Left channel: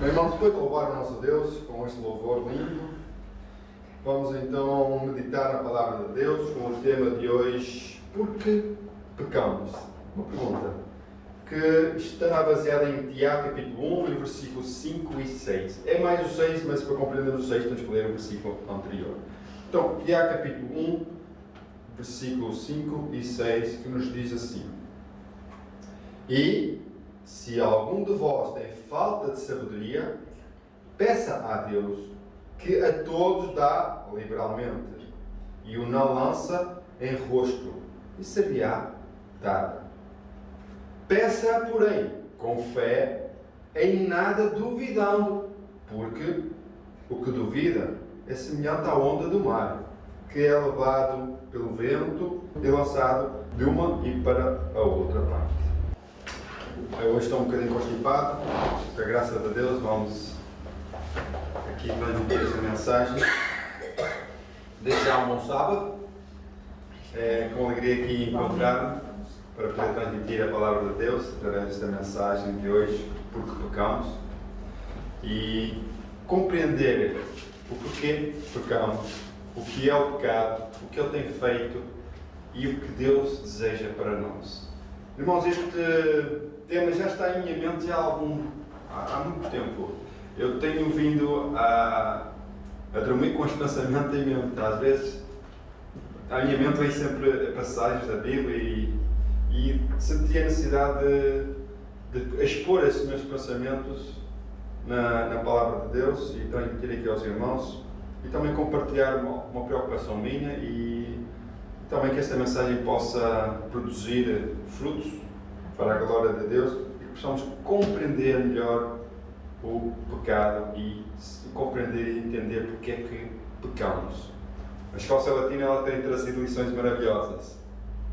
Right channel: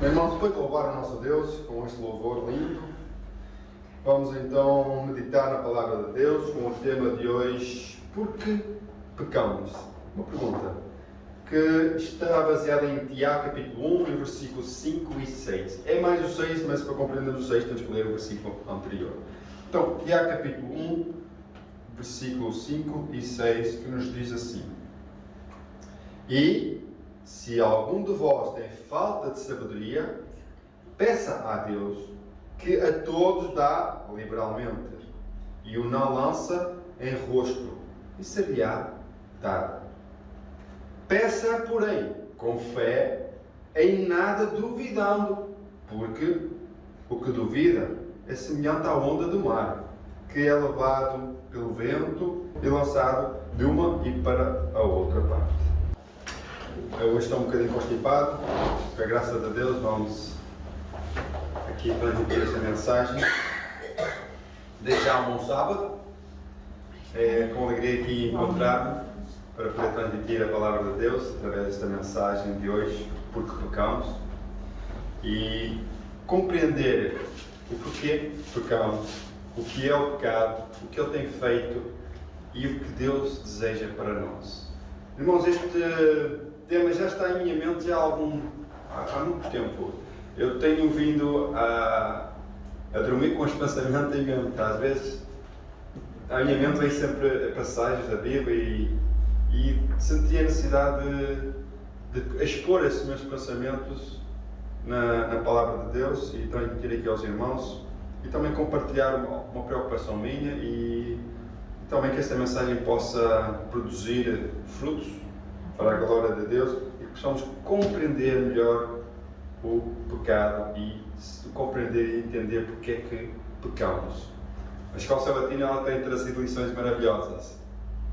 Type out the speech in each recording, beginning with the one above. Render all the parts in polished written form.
Bem, irmão, depois de louvar o nosso Deus com este louvor lindo, vamos então meditar na palavra de Deus com o tema de hoje: por que pecamos? Uma pergunta que está baseada em Tiago capítulo 1, versículos 5 e 6. É mais o 6, mas para compreendermos o 6 temos que ler o versículo anterior. Então, Tiago capítulo 1, versículos 5 e 6, que nos diz assim: E se algum de vós tem falta de sabedoria, peça a Deus, que a todos dá liberalmente, e o não lança em rosto, e se-lhe-á dado. Peça, porém, com fé, em nada duvidando, porque o que duvida é semelhante à onda do mar, que é levado pelo vento e lançado de uma e para a outra parte. Eu hoje estou um bocadinho constipado, com a graça de Deus vamos aqui transmitir esta mensagem. Desde já um bom sábado, é com alegria aqui encontrar-me para poder transmitir a palavra de Deus através desta mensagem de hoje, porque pecamos, e compreender o porquê pecamos, o que é o pecado, o que ele tem feito e o que Deus deseja para nós. Irmãos, este tema já está em minha mente há muito tempo. Eu tenho vindo a dormir com os pensamentos em mente. Às vezes, à minha mente vem sempre passagens da Bíblia e senti a necessidade de expor esses meus pensamentos na palavra de Deus e transmitir aqui aos irmãos e também compartilhar uma preocupação minha e também que esta mensagem possa produzir frutos para a glória de Deus e que possamos compreender melhor o pecado e compreender e entender porque é que pecamos. A Escola Sabatina ela tem trazido lições maravilhosas.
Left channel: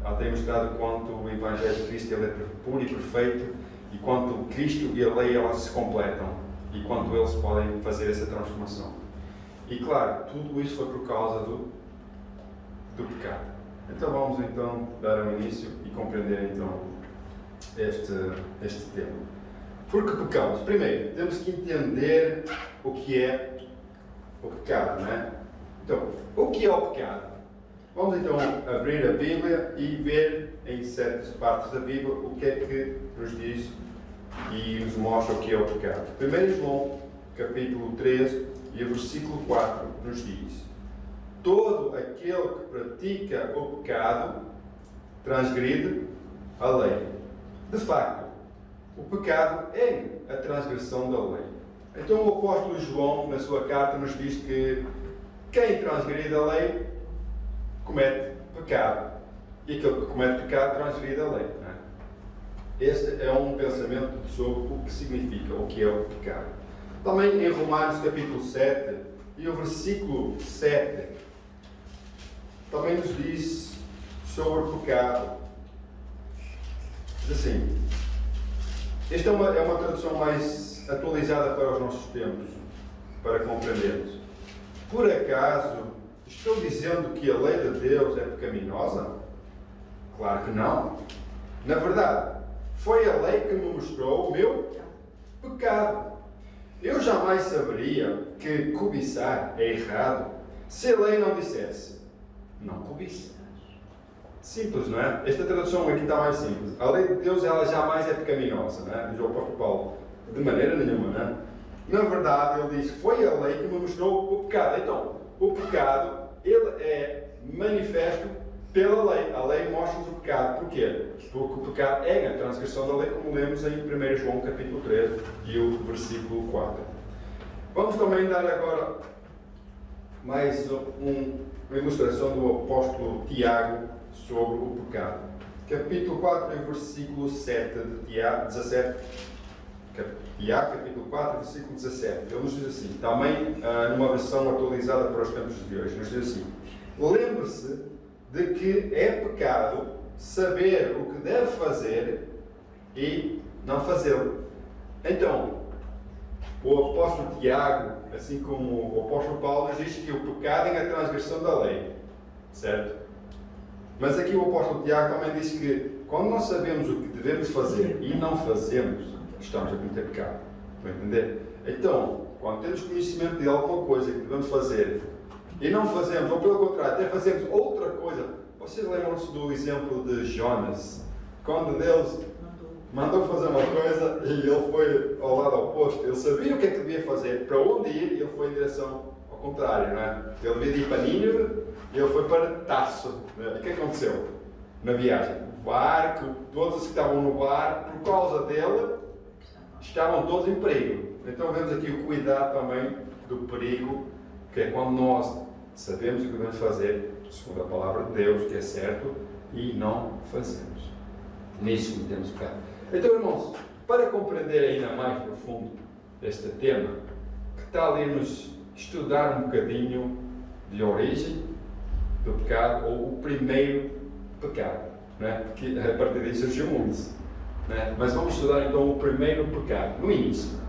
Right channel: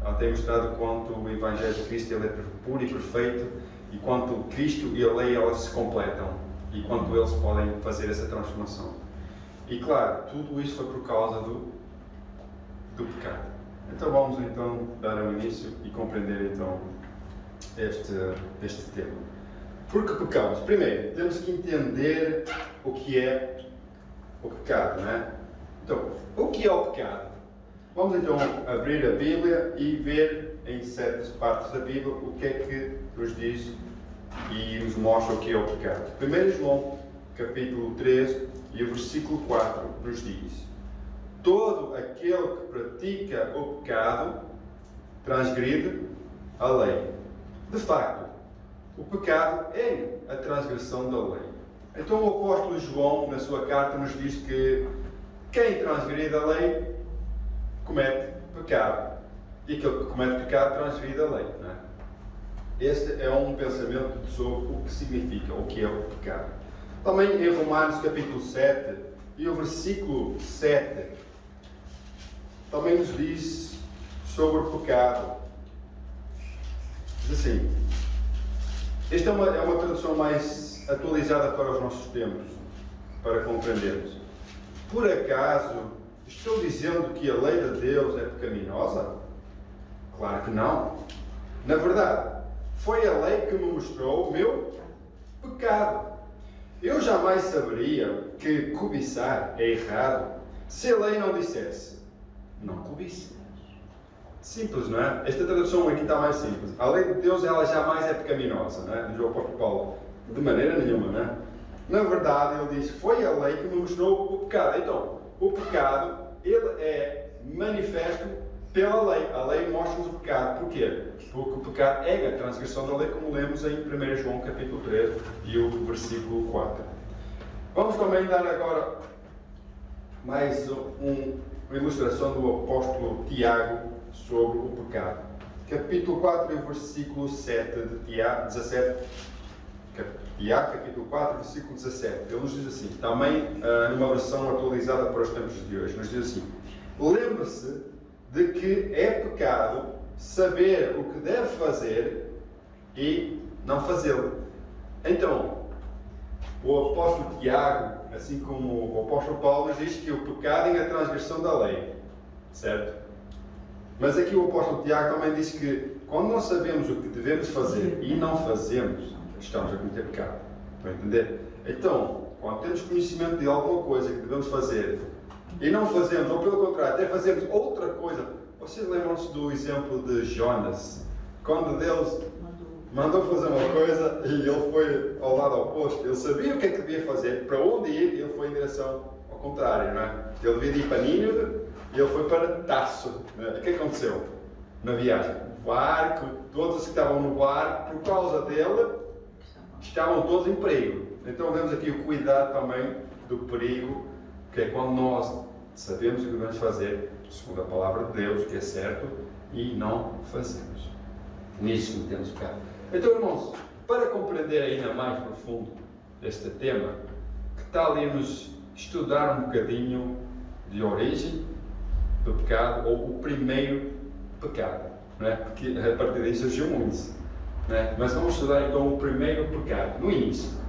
Ela tem mostrado quanto o Evangelho de Cristo ele é puro e perfeito e quanto Cristo e a lei elas se completam e quanto eles podem fazer essa transformação. E claro, tudo isto foi por causa do pecado. Então vamos então dar um início e compreender então este tema. Por que pecamos? Primeiro, temos que entender o que é o pecado, não é? Então, o que é o pecado? Vamos então abrir a Bíblia e ver em certas partes da Bíblia o que é que nos diz e nos mostra o que é o pecado. 1 João, capítulo 3 e o versículo 4 nos diz: todo aquele que pratica o pecado transgride a lei. De facto, o pecado é a transgressão da lei. Então o apóstolo João, na sua carta, nos diz que quem transgride a lei comete pecado. E aquele que comete pecado transgride a lei. Não é? Este é um pensamento sobre o que significa, o que é o pecado. Também em Romanos capítulo 7 e o versículo 7 também nos diz sobre o pecado. Diz assim, esta é uma tradução mais atualizada para os nossos tempos, para compreendermos. Por acaso estou dizendo que a lei de Deus é pecaminosa? Claro que não. Na verdade, foi a lei que me mostrou o meu pecado. Eu jamais saberia que cobiçar é errado se a lei não dissesse não cobice. Simples, não é? Esta tradução aqui está mais simples. A lei de Deus ela jamais é pecaminosa, não é? Diz o apóstolo Paulo. De maneira nenhuma, não é? Na verdade, ele diz que foi a lei que me mostrou o pecado. Então, o pecado, ele é manifesto pela lei. A lei mostra-nos o pecado. Porquê? Porque o pecado é a transgressão da lei, como lemos em 1 João capítulo 3 e o versículo 4. Vamos também dar agora mais uma ilustração do apóstolo Tiago sobre o pecado. Capítulo 4 e versículo 7 de Tiago, 17. Tiago, capítulo 4, versículo 17. Ele nos diz assim, também numa versão atualizada para os tempos de hoje, nos diz assim: lembre-se de que é pecado saber o que deve fazer e não fazê-lo. Então, o apóstolo Tiago, assim como o apóstolo Paulo, nos diz que o pecado é a transgressão da lei, certo? Mas aqui o apóstolo Tiago também diz que quando nós sabemos o que devemos fazer e não fazemos, estamos a cometer pecado. Estão a entender? Então, quando temos conhecimento de alguma coisa que devemos fazer e não fazemos, ou pelo contrário, até fazemos outra coisa. Vocês lembram-se do exemplo de Jonas? Quando Deus mandou fazer uma coisa e ele foi ao lado oposto. Ele sabia o que é que devia fazer, para onde ir, e ele foi em direção ao contrário, não é? Ele devia ir para Nínive e ele foi para Tarso. E o que aconteceu na viagem? O barco, todos os que estavam no barco, por causa dele, estavam todos em perigo. Então vemos aqui o cuidado também do perigo, que é quando nós sabemos o que devemos fazer, segundo a palavra de Deus, que é certo, e não fazemos. Nisso cometemos pecado. Então, irmãos, para compreender ainda mais profundo este tema, que tal irmos estudar um bocadinho de origem do pecado, ou o primeiro pecado, não é? Porque a partir disso surgiu muitos, não é? Mas vamos estudar então o primeiro pecado, no início.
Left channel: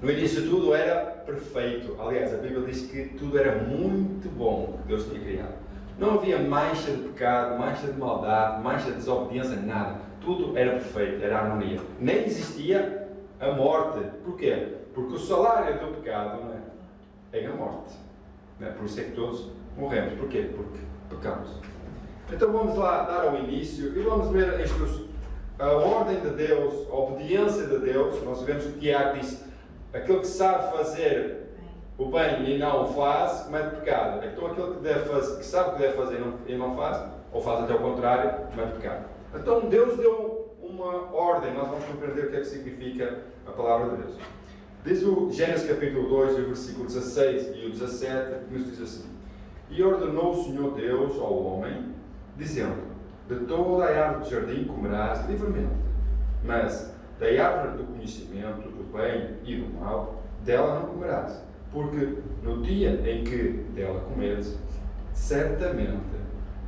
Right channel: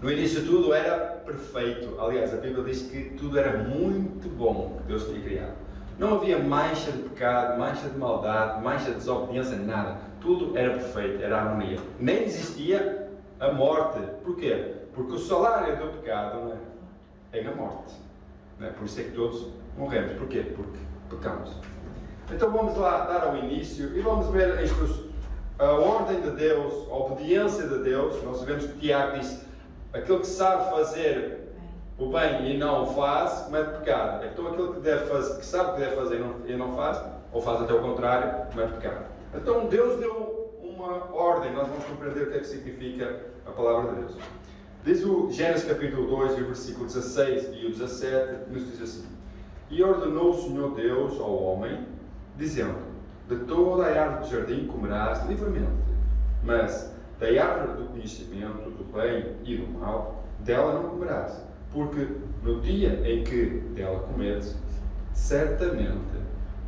No início tudo era perfeito. Aliás, a Bíblia diz que tudo era muito bom que Deus tinha criado. Não havia mancha de pecado, mancha de maldade, mancha de desobediência, nada. Tudo era perfeito, era harmonia. Nem existia a morte. Porquê? Porque o salário do pecado, não é a morte. Não é? Por isso é que todos morremos. Porquê? Porque pecamos. Então vamos lá dar ao início e vamos ver a ordem de Deus, a obediência de Deus. Nós vemos que Tiago disse: aquele que sabe fazer o bem e não o faz, comete pecado. Então aquele que sabe que deve fazer e não faz, ou faz até o contrário, comete pecado. Então Deus deu uma ordem, nós vamos compreender o que é que significa a palavra de Deus. Diz o Gênesis capítulo 2, versículo 16 e o 17, nos diz assim: e ordenou o Senhor Deus ao homem, dizendo: de toda a árvore do jardim comerás livremente, mas da árvore do conhecimento do bem e do mal, dela não comerás, porque no dia em que dela comeres, certamente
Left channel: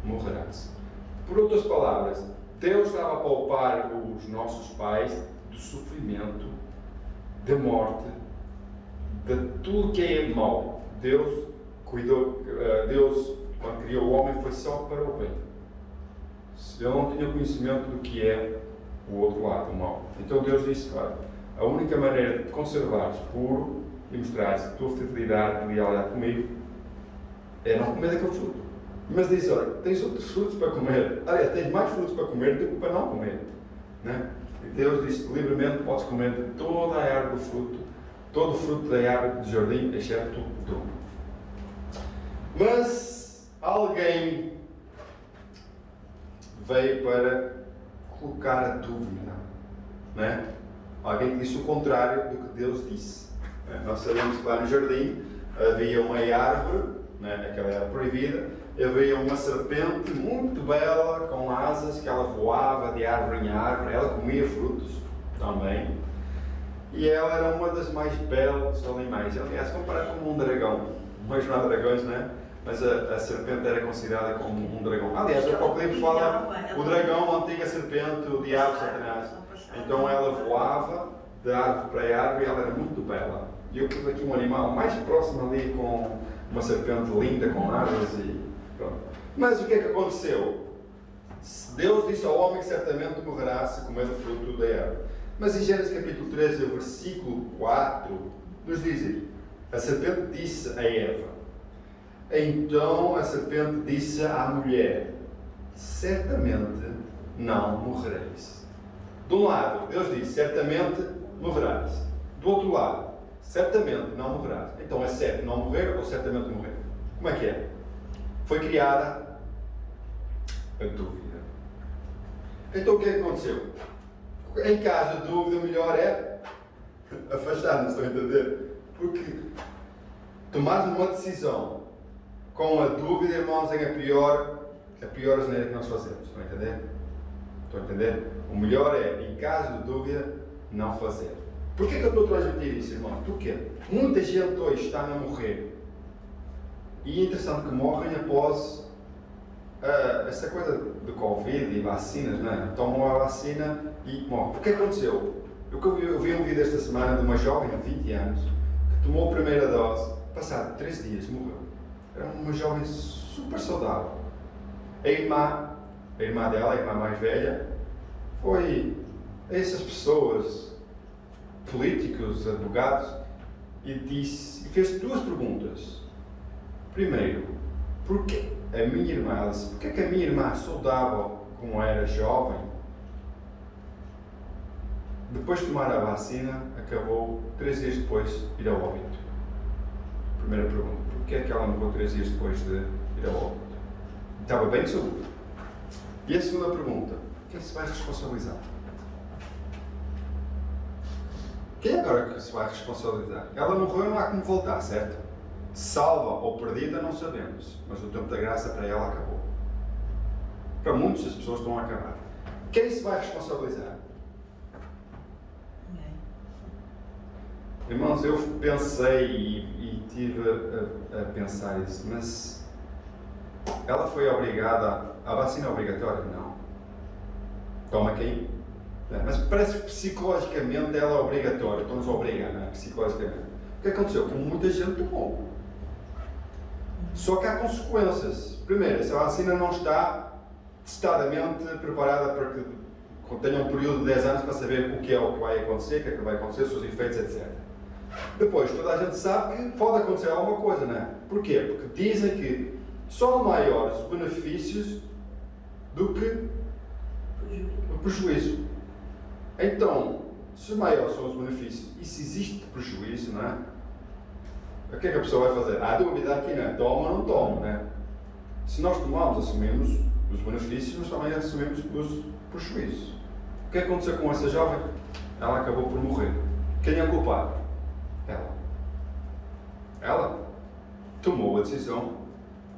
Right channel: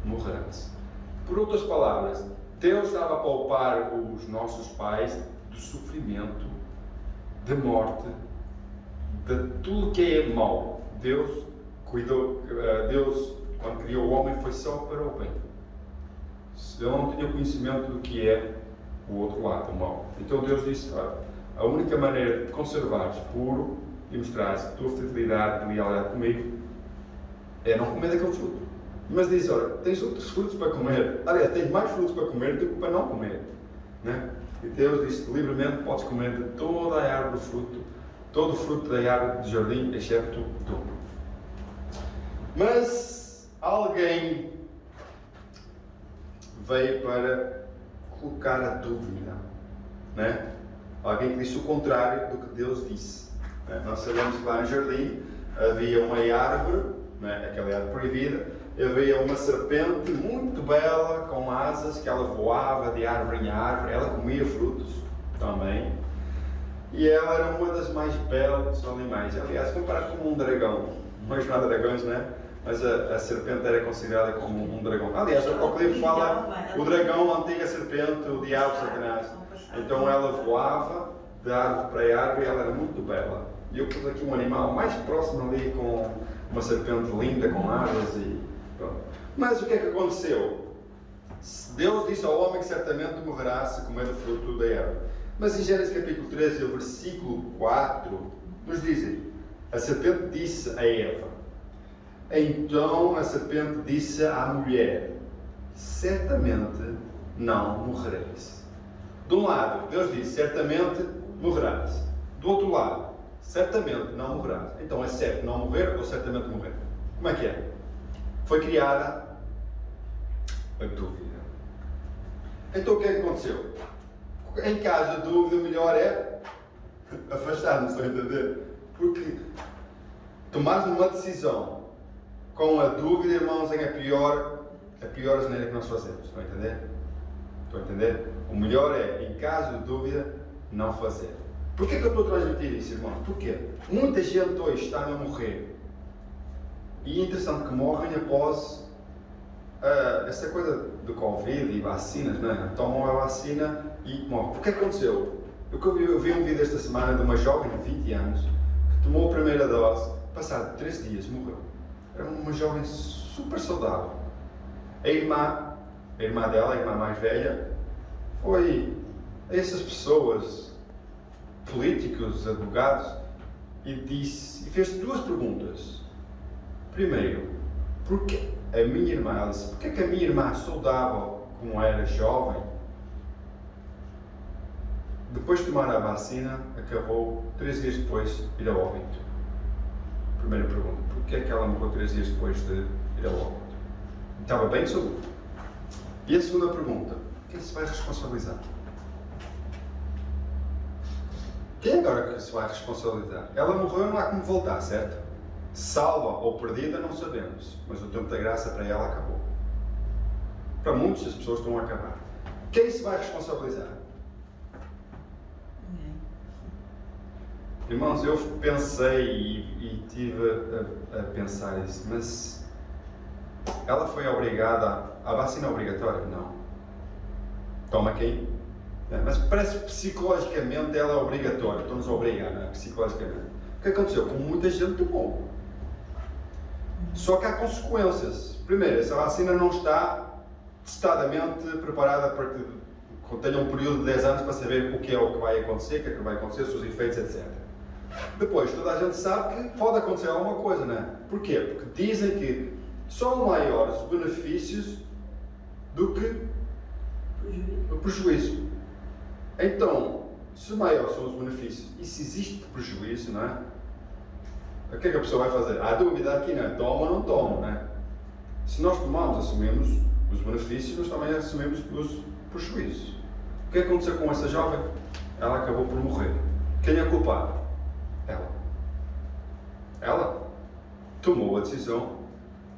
morrerás. Por outras palavras, Deus estava a poupar os nossos pais do sofrimento, da morte, de tudo que é mau. Deus cuidou, Deus, quando criou o homem, foi só para o bem. Ele não tinha conhecimento do que é o outro lado, o mal. Então Deus disse: olha, a única maneira de te conservares puro e mostrares a tua fidelidade e lealdade comigo é não comer daquele fruto. Mas diz: olha, tens outros frutos para comer. Aliás, tens mais frutos para comer do que para não comer, né? E Deus disse: livremente podes comer de toda a árvore do fruto, todo o fruto da árvore do jardim, excepto tu. Mas alguém veio para colocar a dúvida, né? Alguém que disse o contrário do que Deus disse. Nós sabemos que lá no jardim havia uma árvore, né? Aquela árvore proibida, havia uma serpente muito bela, com asas, que ela voava de árvore em árvore, ela comia frutos também, e ela era uma das mais belas dos animais. Aliás, comparado com um dragão, mas não há dragões, né? Mas a serpente era considerada como um dragão. Aliás, o Apocalipse fala o dragão, a antiga serpente, o diabo, Satanás. Então ela voava de árvore para árvore e ela era muito bela. E eu pus aqui um animal mais próximo ali, com uma serpente linda, com asas e pronto. Mas o que é que aconteceu? Deus disse ao homem que certamente morrerá se comer do fruto da árvore. Mas em Gênesis capítulo 13, versículo 4, nos diz: a serpente disse a Eva. Então a serpente disse à mulher: certamente não morrereis. De um lado, Deus disse: certamente morrerás. Do outro lado, certamente não morrerás. Então é certo não morrer ou certamente morrer? Como é que é? Foi criada a dúvida. Então o que é que aconteceu? Em caso de dúvida, o melhor é afastar-nos, estão a entender? Porque tomar uma decisão com a dúvida, irmãos, é a pior asneira que nós fazemos. Estão a entender? Estão a entender? O melhor é, em caso de dúvida, não fazer. Porquê que eu estou a transmitir isso, irmãos? Porquê? Muita gente hoje está a morrer. E é interessante que morrem após essa coisa do Covid e vacinas, não é? Tomam a vacina e morrem. O que aconteceu? Eu vi um vídeo esta semana de uma jovem de 20 anos que tomou a primeira dose, passado 3 dias morreu. Era uma jovem super saudável. A irmã dela, a irmã mais velha, foi a essas pessoas políticos, advogados, e fez duas perguntas. Primeiro, porquê a minha irmã, ela disse, porquê que a minha irmã, saudável como era jovem, depois de tomar a vacina, acabou 3 dias depois de ir ao óbito? Primeira pergunta, porquê é que ela morreu 3 dias depois de ir ao óbito? Estava bem de saúde. E a segunda pergunta, quem se vai responsabilizar? Quem agora que se vai responsabilizar? Ela morreu, não há como voltar, certo? Salva ou perdida, não sabemos, mas o tempo da graça para ela acabou. Para muitas as pessoas estão a acabar. Quem se vai responsabilizar? Irmãos, eu pensei e tive a pensar isso, mas ela foi obrigada, a vacina é obrigatória? Não. Toma quem? Mas parece que psicologicamente ela é obrigatória, estão-nos a obrigar, não é? Psicologicamente. O que aconteceu? Como muita gente tomou. Só que há consequências. Primeiro, essa vacina não está testadamente preparada para que tenha um período de 10 anos para saber o que vai acontecer, o que é que vai acontecer, os seus efeitos, etc. Depois, toda a gente sabe que pode acontecer alguma coisa, não é? Porquê? Porque dizem que são maiores os benefícios do que o prejuízo. Então, se maiores são os benefícios e se existe prejuízo, não é? O que é que a pessoa vai fazer? Há dúvida aqui, não é? Toma ou não toma, não é? Se nós tomamos, assumimos os benefícios, mas também assumimos os prejuízos. O que aconteceu com essa jovem? Ela acabou por morrer. Quem é culpado? Ela tomou a decisão,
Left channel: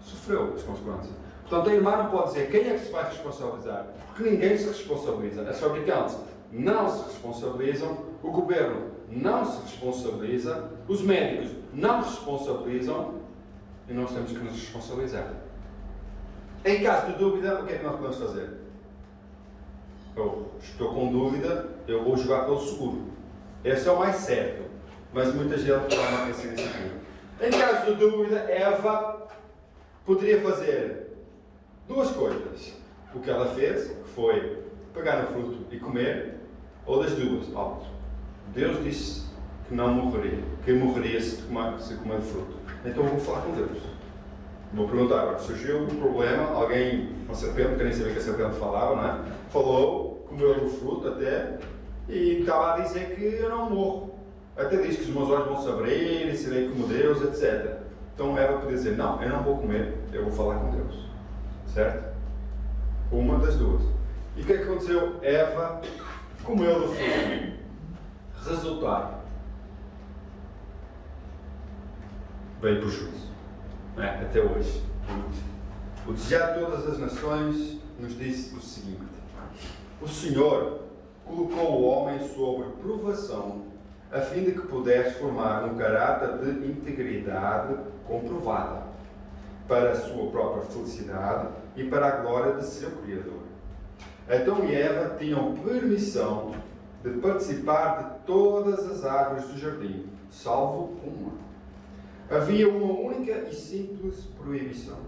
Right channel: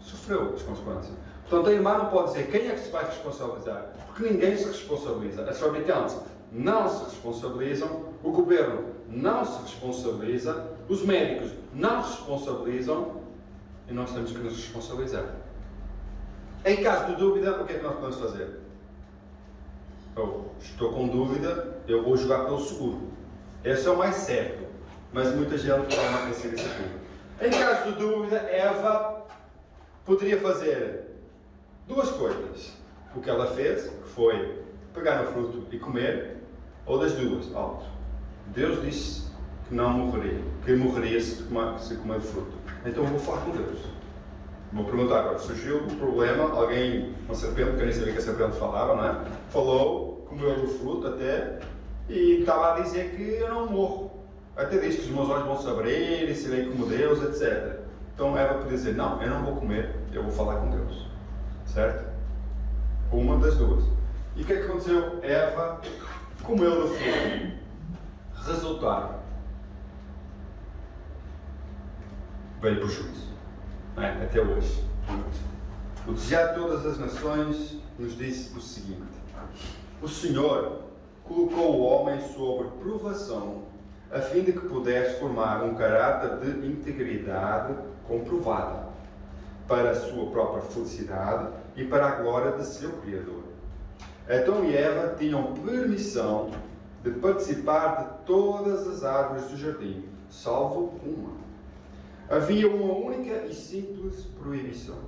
sofreu as consequências. Portanto, a irmã não pode dizer quem é que se vai responsabilizar, porque ninguém se responsabiliza. As fabricantes não se responsabilizam, o governo não se responsabiliza, os médicos não se responsabilizam e nós temos que nos responsabilizar. Em caso de dúvida, o que é que nós podemos fazer? Eu estou com dúvida, eu vou jogar pelo seguro. Esse é o mais certo, mas muita gente não pensa nisso aqui. Em caso de dúvida, Eva poderia fazer duas coisas. O que ela fez, que foi pegar no fruto e comer, ou das duas. Deus disse que não morreria, que morreria se comer o fruto. Então eu vou falar com Deus. Vou perguntar agora, surgiu um problema, alguém, uma serpente, que eu nem sabia que a serpente falava, não é? Falou, comeu do fruto até, e estava a dizer que eu não morro. Até diz que os meus olhos vão se abrir e serei como Deus, etc. Então Eva podia dizer, não, eu não vou comer, eu vou falar com Deus. Certo? Uma das duas. E o que é que aconteceu? Eva comeu do fruto. Resultado. Veio prejuízo. Até hoje. O desejar de todas as nações nos disse o seguinte: o Senhor colocou o homem sob provação a fim de que pudesse formar um caráter de integridade comprovada para a sua própria felicidade e para a glória de seu Criador. Adão e Eva tinham permissão de participar de todas as árvores do jardim, salvo uma. Havia uma única e simples proibição.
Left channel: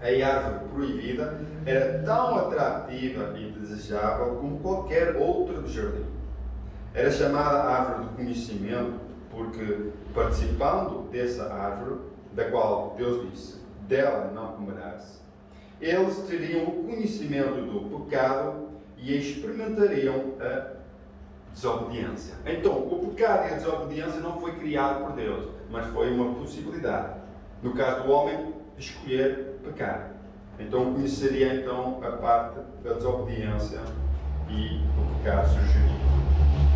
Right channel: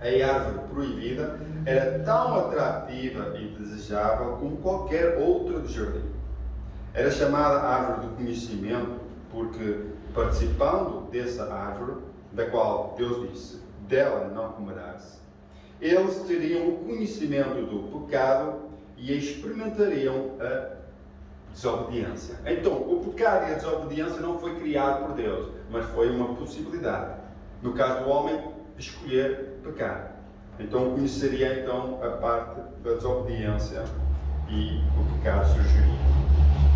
A árvore proibida era tão atrativa e desejável como qualquer outra do jardim. Era chamada árvore do conhecimento porque, participando dessa árvore, da qual Deus disse, dela não comerás, eles teriam o conhecimento do pecado e experimentariam a desobediência. Então, o pecado e a desobediência não foi criado por Deus, mas foi uma possibilidade. No caso do homem, escolher pecar. Então, conheceria então a parte da desobediência e o pecado surgiria.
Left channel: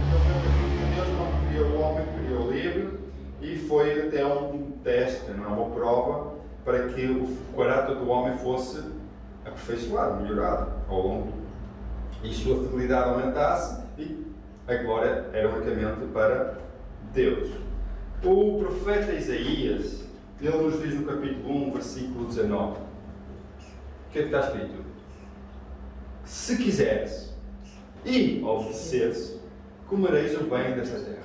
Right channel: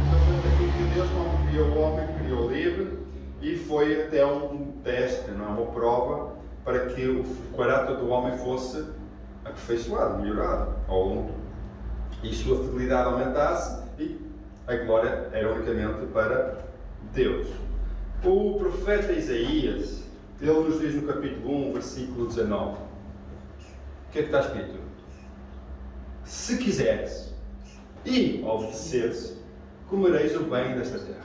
Então, foi aquilo que Deus não criou o homem, criou livre, e foi até um teste, não é? Uma prova, para que o caráter do homem fosse aperfeiçoado, melhorado ao longo, e a sua fidelidade aumentasse, e a glória era unicamente para Deus. O profeta Isaías, ele nos diz no capítulo 1, versículo 19, o que é que está escrito? Se quiseres e obedeceres, comereis o bem desta terra.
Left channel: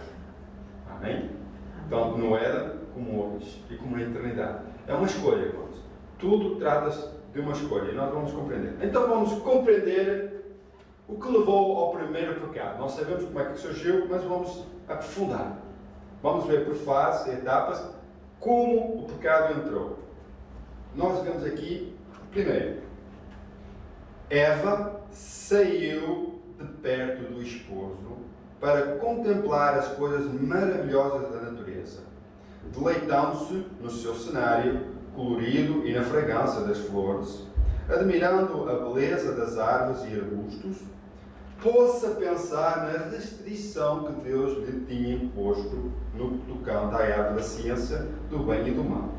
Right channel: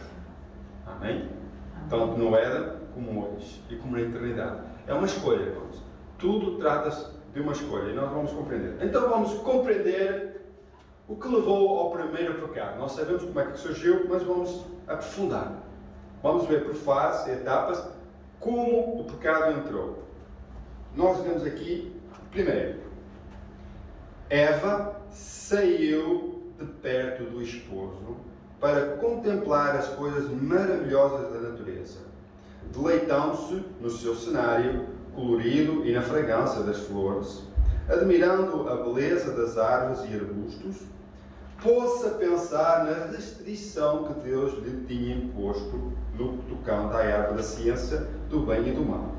Amém? Tanto no Éden como hoje e como na eternidade. É uma escolha, irmãos. Tudo trata-se de uma escolha e nós vamos compreender. Então vamos compreender O que levou ao primeiro pecado? Nós sabemos como é que surgiu, mas vamos aprofundar. Vamos ver por fases, etapas, como o pecado entrou. Nós vemos aqui, primeiro, Eva saiu de perto do esposo para contemplar as coisas maravilhosas da natureza, deleitando-se no seu cenário colorido e na fragrância das flores, admirando a beleza das árvores e arbustos, pôs-se a pensar na restrição que Deus lhe tinha imposto no tocante à árvore da ciência do bem e do mal.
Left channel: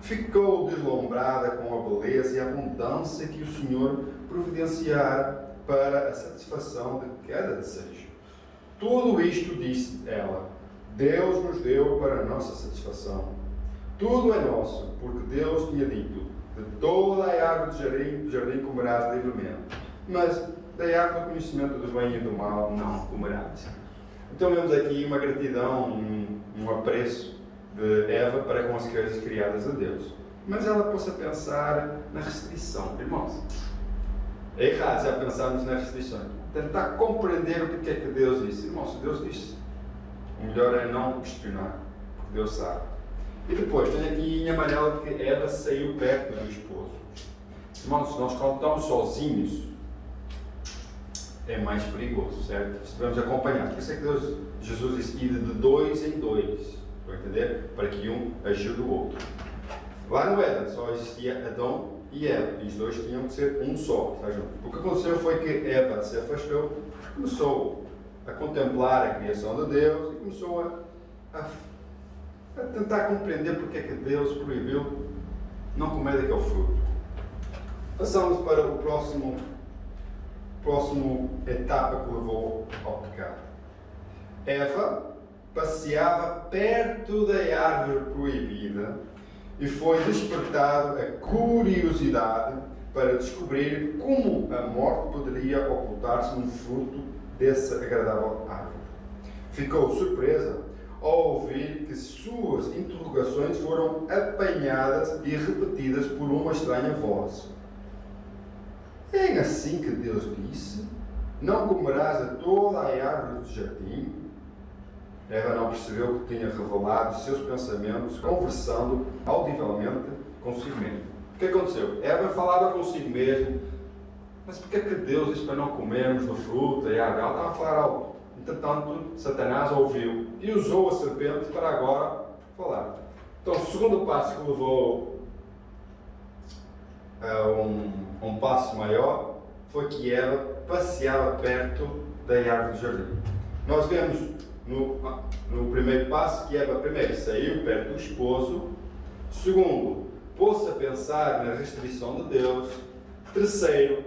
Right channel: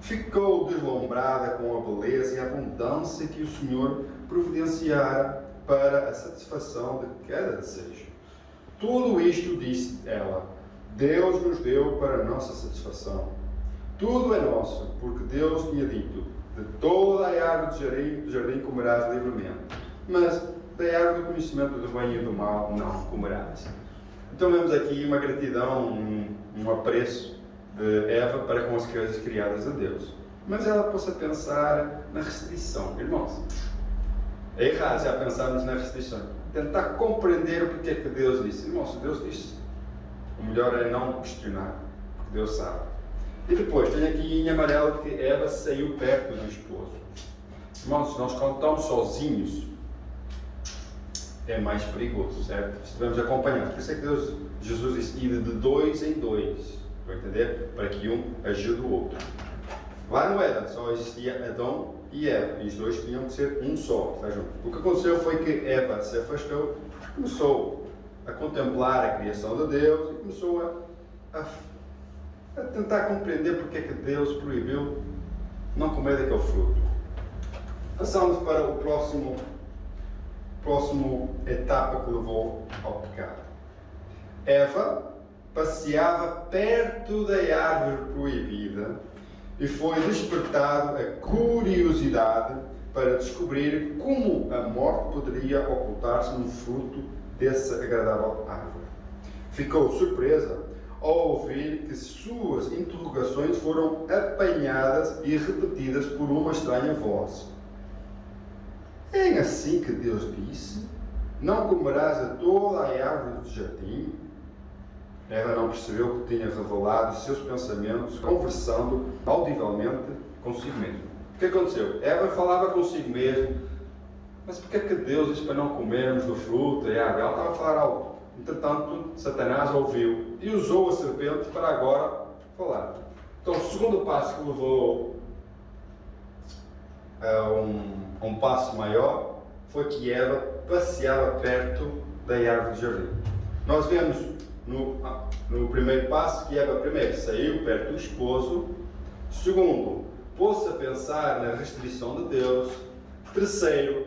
Ficou deslumbrada com a beleza e a abundância que o Senhor providenciara para a satisfação de cada desejo. Tudo isto, disse ela, Deus nos deu para a nossa satisfação. Tudo é nosso, porque Deus tinha dito, de toda a árvore do jardim comerás livremente, mas da árvore do conhecimento do bem e do mal não comerás. Então vemos aqui uma gratidão, um apreço de Eva para com as coisas criadas de Deus. Mas ela pôs a pensar na restrição. Irmãos, é errado já pensarmos na restrição. Tentar compreender o porquê é que Deus disse. Irmãos, se Deus disse, o melhor é não questionar, porque Deus sabe. E depois, tem aqui em amarelo que Eva saiu perto do esposo. Irmãos, nós quando estamos sozinhos, é mais perigoso, certo? Estivemos acompanhados. Por isso é que Jesus disse, ir de dois em dois. Estão a entender? Para que um ajude o outro. Lá no Éden só existia Adão e Eva. E os dois tinham que ser um só. Está junto. O que aconteceu foi que Eva se afastou, começou a contemplar a criação de Deus e começou a tentar compreender porque é que Deus proibiu não comer daquele fruto. Passamos para o próximo etapa que levou ao pecado. Eva passeava perto da árvore proibida e foi despertado a curiosidade para descobrir como a morte poderia ocultar-se num fruto dessa agradável árvore. Ficou surpresa ao ouvir que suas interrogações foram apanhadas e repetidas por uma estranha voz. É assim que Deus disse, não comerás a toda a árvore do jardim? Eva não percebeu que tinha revelado os seus pensamentos, conversando audivelmente consigo mesmo. O que aconteceu? Eva falava consigo mesmo, mas porquê é que Deus disse para não comermos do fruto da árvore? Ela estava a falar alto. Entretanto, Satanás ouviu e usou a serpente para agora falar. Então, o segundo passo que levou a um passo maior foi que Eva passeava perto da árvore do jardim. Nós vemos no primeiro passo que Eva primeiro saiu perto do esposo, segundo, pôs-se a pensar na restrição de Deus, terceiro,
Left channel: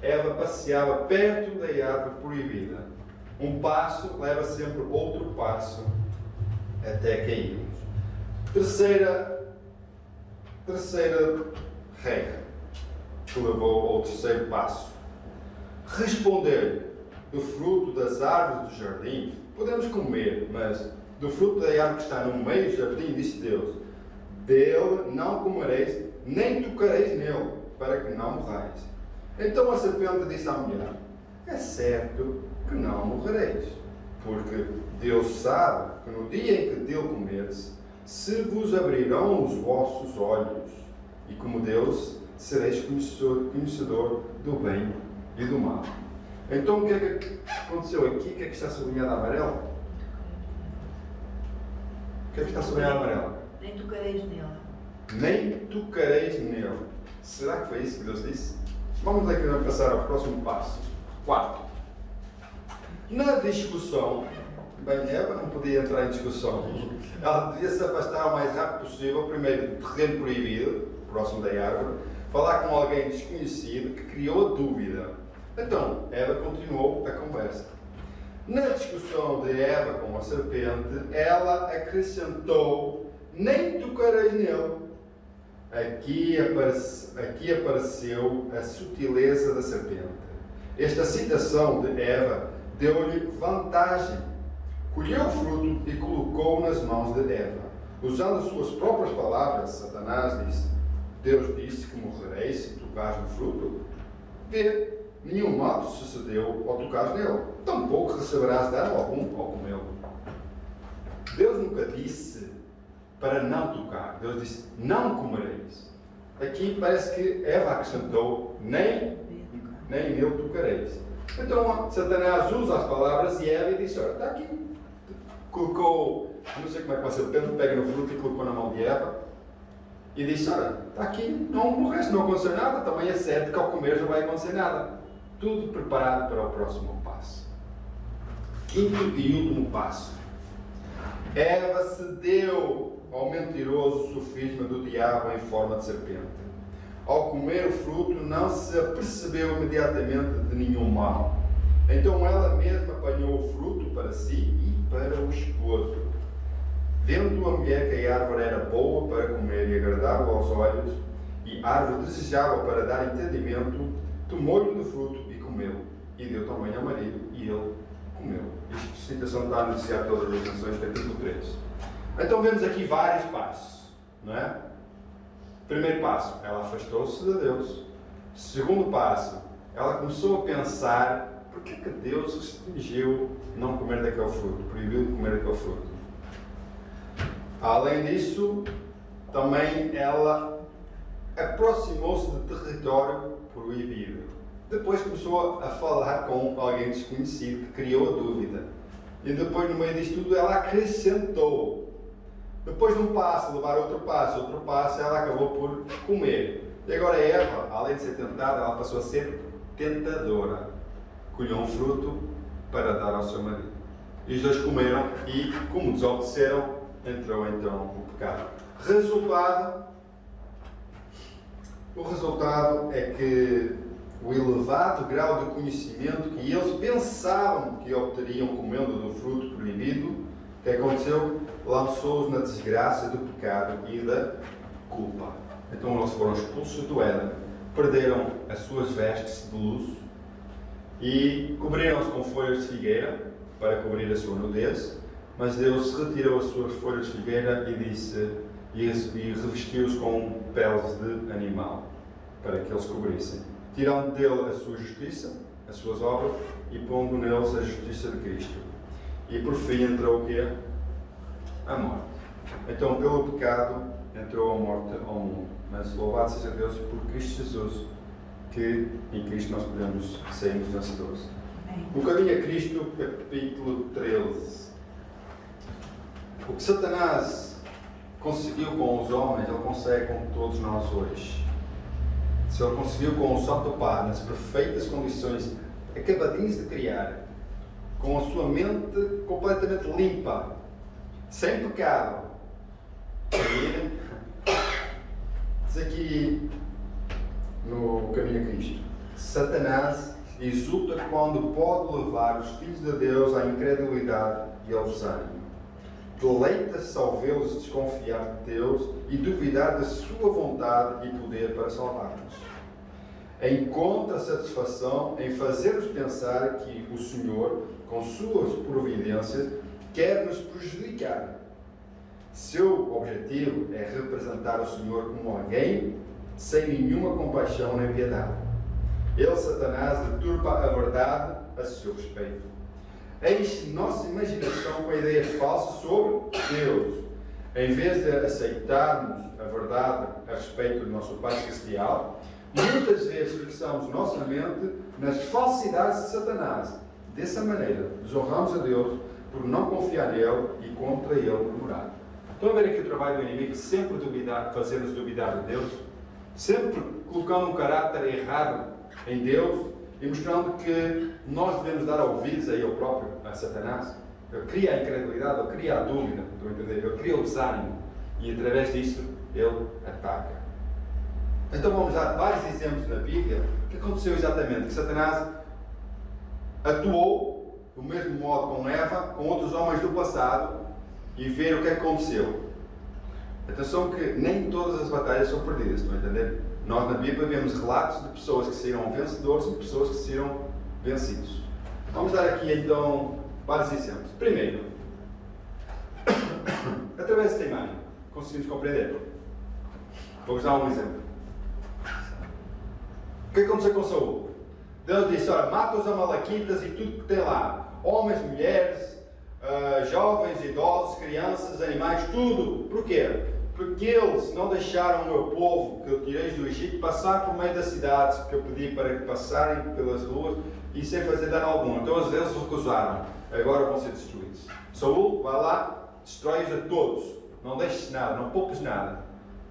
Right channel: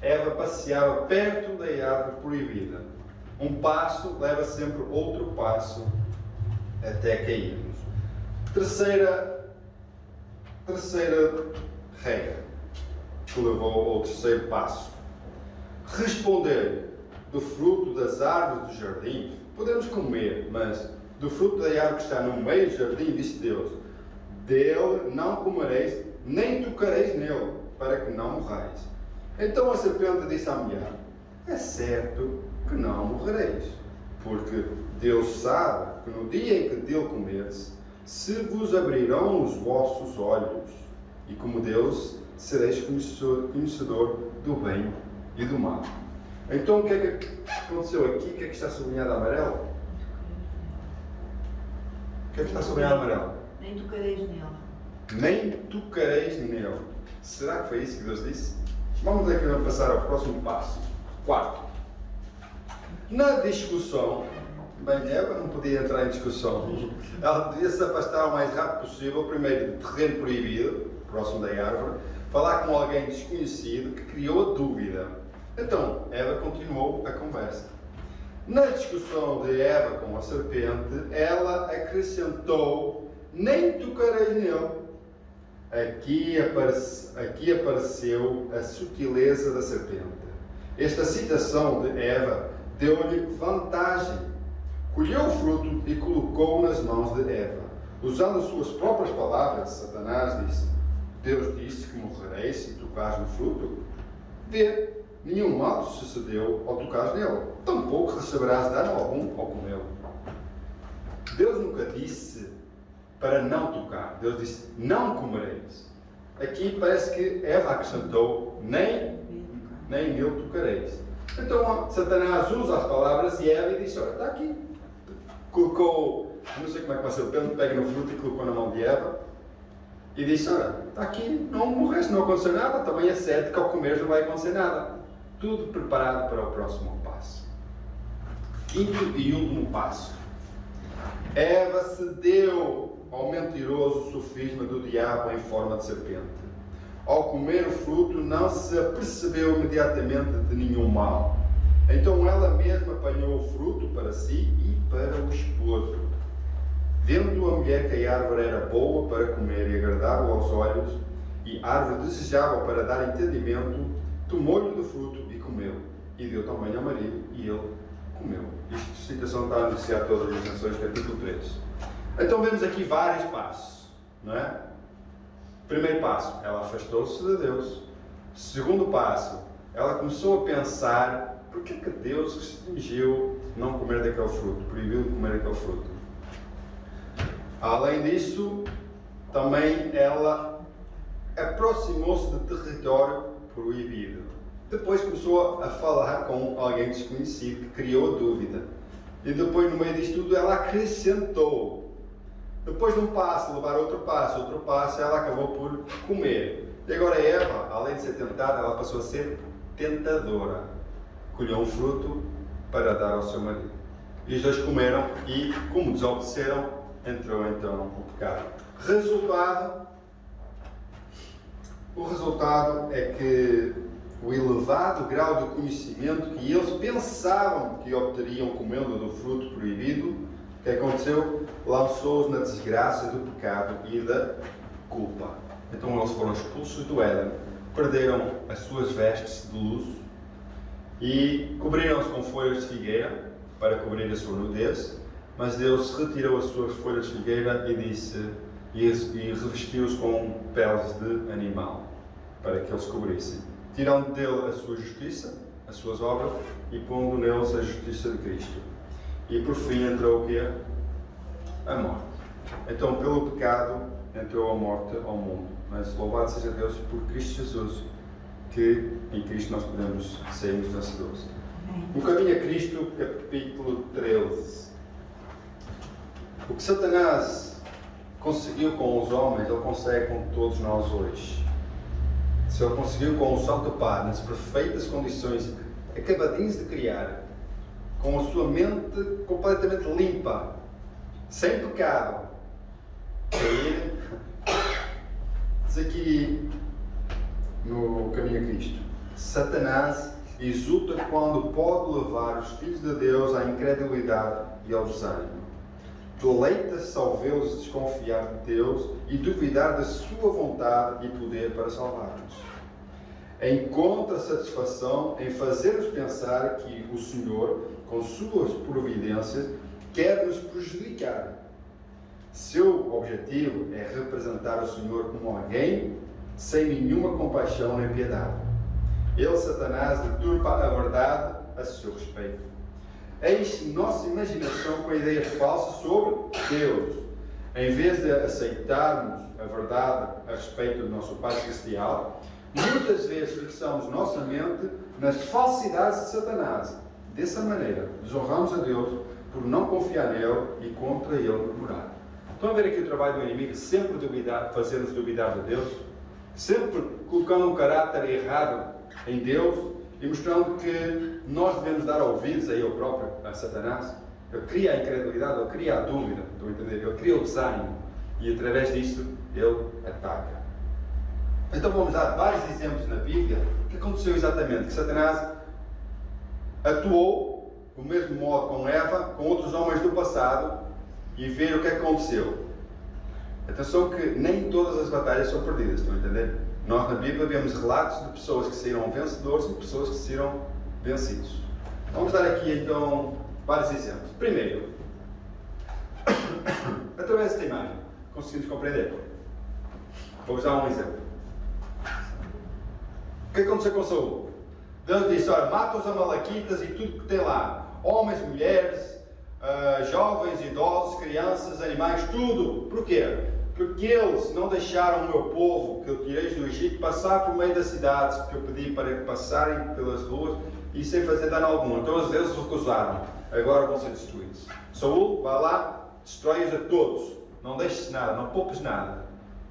Eva passeava perto da árvore proibida. Um passo leva sempre outro passo até cairmos. Terceira regra que levou ao terceiro passo. Responder do fruto das árvores do jardim, podemos comer, mas do fruto da árvore que está no meio do jardim, disse Deus, dele não comereis, nem tocareis nele, para que não morrais. Então a serpente disse à mulher, é certo que não morrereis, porque Deus sabe que no dia em que dele comerdes, se vos abrirão os vossos olhos, e como Deus, sereis conhecedor do bem e do mal. Então o que é que aconteceu aqui? O que é que está sublinhado amarelo? O que é que está sublinhado amarelo? Nem tocareis nela. Nem tocareis nele. Será que foi isso que Deus disse? Vamos aqui passar ao próximo passo. Quarto. Na discussão, bem, Eva não podia entrar em discussão. Ela podia se afastar o mais rápido possível, primeiro do terreno proibido, próximo da árvore, falar com alguém desconhecido que criou a dúvida. Então, Eva continuou a conversa. Na discussão de Eva com a serpente, ela acrescentou, nem tocareis nele. Aqui apareceu a sutileza da serpente. Esta citação de Eva deu-lhe vantagem. Colheu o fruto e colocou-o nas mãos de Eva. Usando as suas próprias palavras, Satanás disse, Deus disse que morrereis se tocares no fruto. Vê, nenhum mal te sucedeu ao tocares nele, tampouco receberás dano algum ao comê-lo. Deus nunca disse para não tocar, Deus disse, não comereis. Aqui parece que Eva acrescentou, nem nele tocareis. Então Satanás usa as palavras de Eva e disse, olha, está aqui. Colocou, não sei como é que vai ser, pega no fruto e colocou na mão de Eva. E disse, olha, está aqui, não morreste, não aconteceu nada, também é certo que ao comer não vai acontecer nada. Tudo preparado para o próximo passo. Quinto e último passo. Eva cedeu ao mentiroso sofisma do diabo em forma de serpente. Ao comer o fruto, não se apercebeu imediatamente de nenhum mal. Então ela mesma apanhou o fruto para si e para o esposo. Vendo a mulher que a árvore era boa para comer e agradável aos olhos, e árvore desejável para dar entendimento, tomou-lhe do fruto e comeu. E deu também ao marido, e ele comeu. Esta citação está a anunciar todas as canções, capítulo 3. Então vemos aqui vários passos, não é? Primeiro passo, ela afastou-se de Deus. Segundo passo, ela começou a pensar, por que é que Deus restringiu não comer daquele fruto, proibiu de comer daquele fruto? Além disso, também ela aproximou-se de território proibido. Depois começou a falar com alguém desconhecido que criou a dúvida. E depois, no meio disto tudo, ela acrescentou. Depois de um passo, levar outro passo, ela acabou por comer. E agora Eva, além de ser tentada, ela passou a ser tentadora. Colheu um fruto para dar ao seu marido. E os dois comeram e, como desobedeceram, entrou então o pecado. O resultado é que o elevado grau de conhecimento que eles pensavam que obteriam comendo do fruto proibido, o que aconteceu? Lançou-os na desgraça do pecado e da culpa. Então eles foram expulsos do Éden, perderam as suas vestes de luxo e cobriram-se com folhas de figueira para cobrir a sua nudez, mas Deus retirou as suas folhas de figueira e disse e revestiu-os com peles de animal para que eles cobrissem, tirando dele a sua justiça, as suas obras, e pondo neles a justiça de Cristo. E por fim entrou o quê? A morte. Então, pelo pecado, entrou a morte ao mundo. Mas louvado seja Deus por Cristo Jesus, que em Cristo nós podemos sairmos vencedores. O caminho a Cristo, capítulo 13. O que Satanás conseguiu com os homens, ele consegue com todos nós hoje. Se ele conseguiu com o Santo Pai, nas perfeitas condições, acabadinhos de criar, com a sua mente completamente limpa, sem pecado, cair, diz aqui no caminho a Cristo, Satanás exulta quando pode levar os filhos de Deus à incredulidade e ao desânimo. Deleita-se ao vê-los desconfiar de Deus e duvidar da sua vontade e poder para salvar-nos. Encontra satisfação em fazer-nos pensar que o Senhor, com suas providências, quer nos prejudicar. Seu objetivo é representar o Senhor como alguém sem nenhuma compaixão nem piedade. Ele, Satanás, deturpa a verdade a seu respeito. Enche nossa imaginação com ideias falsas sobre Deus. Em vez de aceitarmos a verdade a respeito do nosso Pai Celestial, muitas vezes fixamos nossa mente nas falsidades de Satanás. Dessa maneira, desonramos a Deus por não confiar nele e contra ele murmurar. Estão a ver aqui o trabalho do inimigo, sempre fazer-nos duvidar de Deus, sempre colocando um caráter errado em Deus e mostrando que nós devemos dar ouvidos a ele próprio, a Satanás. Ele cria a incredulidade, ele cria a dúvida, ele cria o desânimo e através disso ele ataca. Então vamos dar vários exemplos na Bíblia que aconteceu exatamente, que Satanás atuou do mesmo modo com Eva, com outros homens do passado e ver o que aconteceu. Atenção que nem todas as batalhas são perdidas, estão a entender? Nós na Bíblia vemos relatos de pessoas que saíram vencedores e pessoas que saíram vencidos. Vamos dar aqui então vários exemplos. Primeiro, através desta imagem, conseguimos compreender. Vou-vos dar um exemplo. O que aconteceu com Saul? Deus disse, olha, mata os amalequitas e tudo que tem lá. Homens, mulheres, jovens, idosos, crianças, animais, tudo. Porquê? Porque eles não deixaram o meu povo, que eu tirei do Egito, passar por meio das cidades, que eu pedi para que passarem pelas ruas e sem fazer dano algum. Então eles recusaram. Agora vão ser destruídos. Saul, vai lá, destrói-os a todos. Não deixes nada, não poupes nada.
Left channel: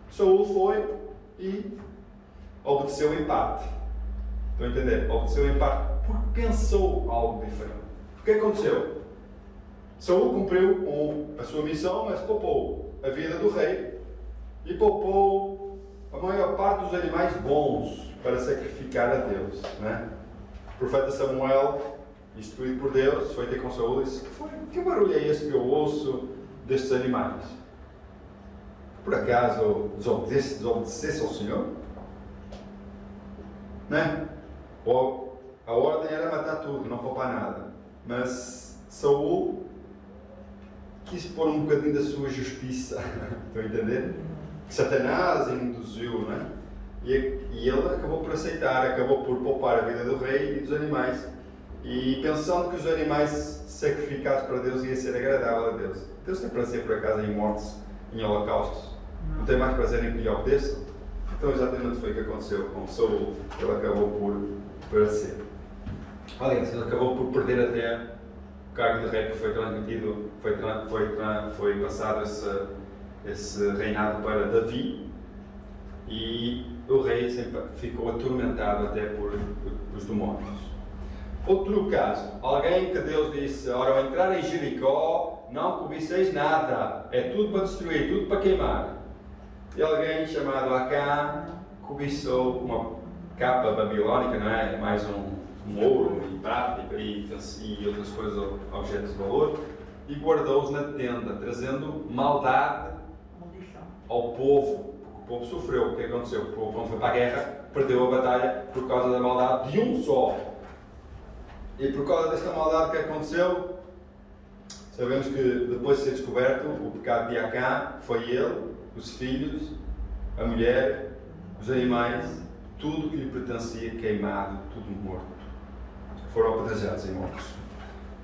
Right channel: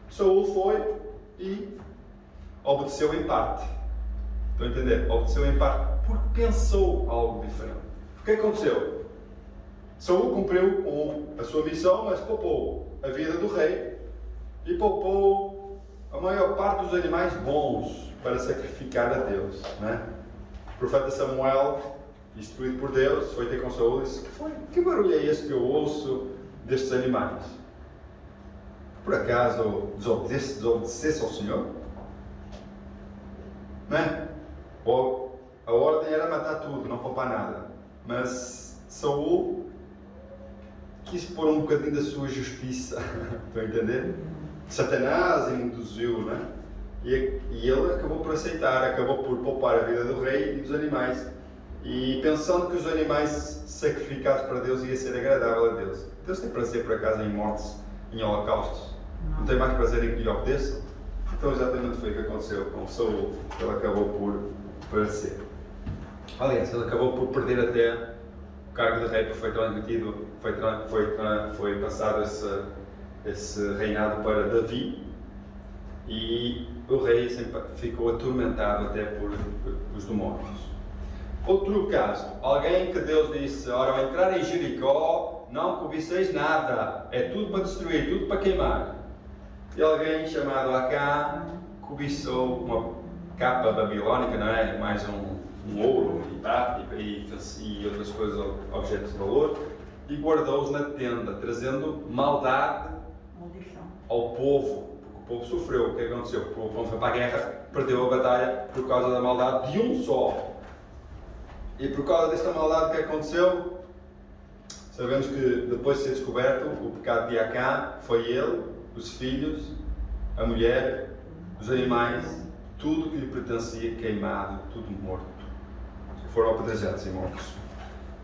Saul foi e obedeceu em parte. Estão a entender? Obedeceu em parte porque pensou algo diferente. O que aconteceu? Saul cumpriu com a sua missão, mas poupou a vida do rei e poupou a maior parte dos animais bons para sacrificar a Deus. Né? O profeta Samuel, instruído por Deus, foi ter com Saul e disse: que barulho é esse que eu ouço destes animais? Por acaso desobedecesse ao Senhor? Né? Ou a ordem era matar tudo, não poupar nada. Mas Saul quis pôr um bocadinho da sua justiça. Estão a entender? Satanás induziu, né? E ele acabou por aceitar, acabou por poupar a vida do rei e dos animais. E pensando que os animais sacrificados para Deus ia ser agradável a Deus. Deus tem prazer por acaso em mortes, em holocaustos? Não tem mais prazer em que lhe obedeçam? Então exatamente foi o que aconteceu com Saul. Ele acabou por parecer. Aliás, ele acabou por perder até o cargo de rei, porque foi transmitido, foi passado esse reinado para Davi, e o rei sempre ficou atormentado até por os demónios. Outro caso, alguém que Deus disse: ora, ao entrar em Jericó, não cobiceis nada, é tudo para destruir, tudo para queimar. E alguém chamado Acã cobiçou uma capa babilónica, não é? Mais um ouro e prata e outras coisas, objetos de valor, e guardou-os na tenda, trazendo maldade ao povo, porque o povo sofreu. O que aconteceu? O povo, quando foi para a guerra, perdeu a batalha por causa da maldade de um só. E por causa desta maldade que aconteceu, sabemos que depois de ser descoberto o pecado de Acã, foi ele, os filhos, a mulher, os animais, tudo que lhe pertencia queimado, tudo morto. Foram apedrejados e mortos.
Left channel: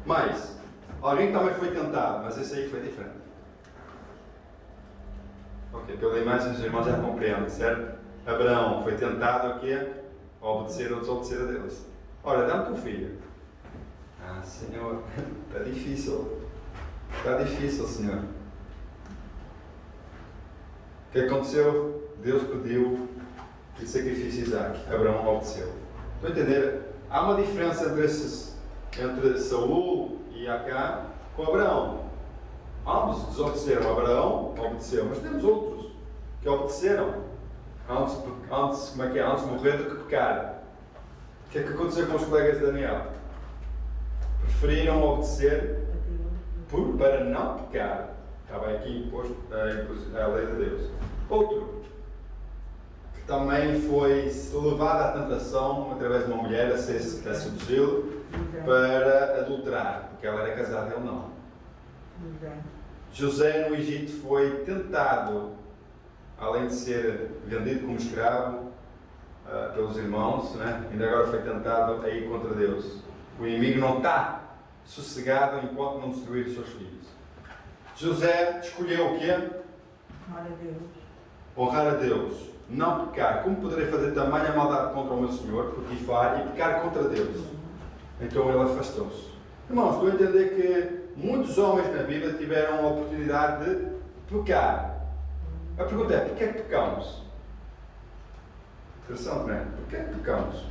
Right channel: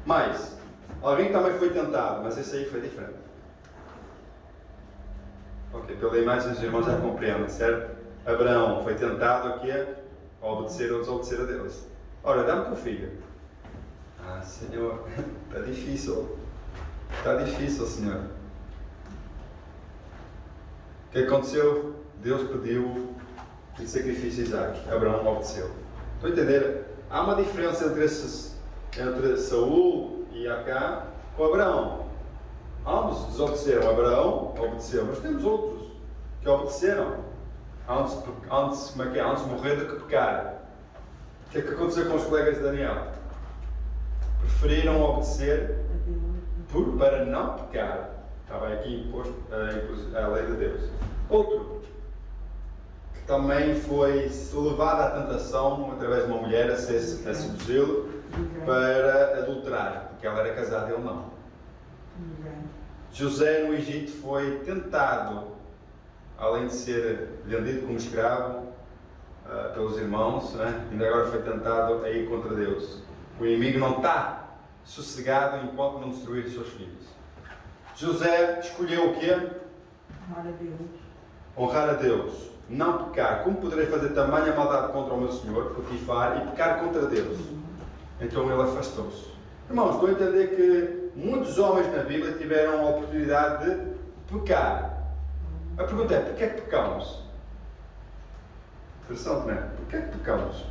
Mas, alguém também foi tentado, mas esse aí foi diferente. Ok, pela imagem os irmãos já compreendem, certo? Abraão foi tentado aqui a obedecer ou desobedecer a Deus. Ora, dá-me teu filho. Ah, Senhor, está difícil. Está difícil, Senhor. O que aconteceu? Deus pediu o sacrifício de Isaac. Abraão obedeceu. Estão a entender? Há uma diferença entre Saul e Acã com Abraão. Ambos desobedeceram. Abraão obedeceu, mas temos outros que obedeceram antes de morrer do que pecar. O que é que aconteceu com os colegas de Daniel? Preferiram obedecer para não pecar. Estava aqui imposto a lei de Deus. Outro que também foi levado à tentação através de uma mulher a seduzi-lo para adulterar, porque ela era casada e ele não. José no Egito foi tentado, além de ser vendido como escravo pelos irmãos, né? Ainda agora foi tentado a ir contra Deus. O inimigo não está sossegado enquanto não destruir os seus filhos. José escolheu o quê? Honrar a Deus. Honrar a Deus, não pecar. Como poderei fazer tamanha maldade contra o meu Senhor, Potifar, e pecar contra Deus? Então ele afastou-se. Irmãos, estou a entender que muitos homens na Bíblia tiveram a oportunidade de pecar. A pergunta é: porquê é que pecamos? Interessante, não é? Porquê é que pecamos?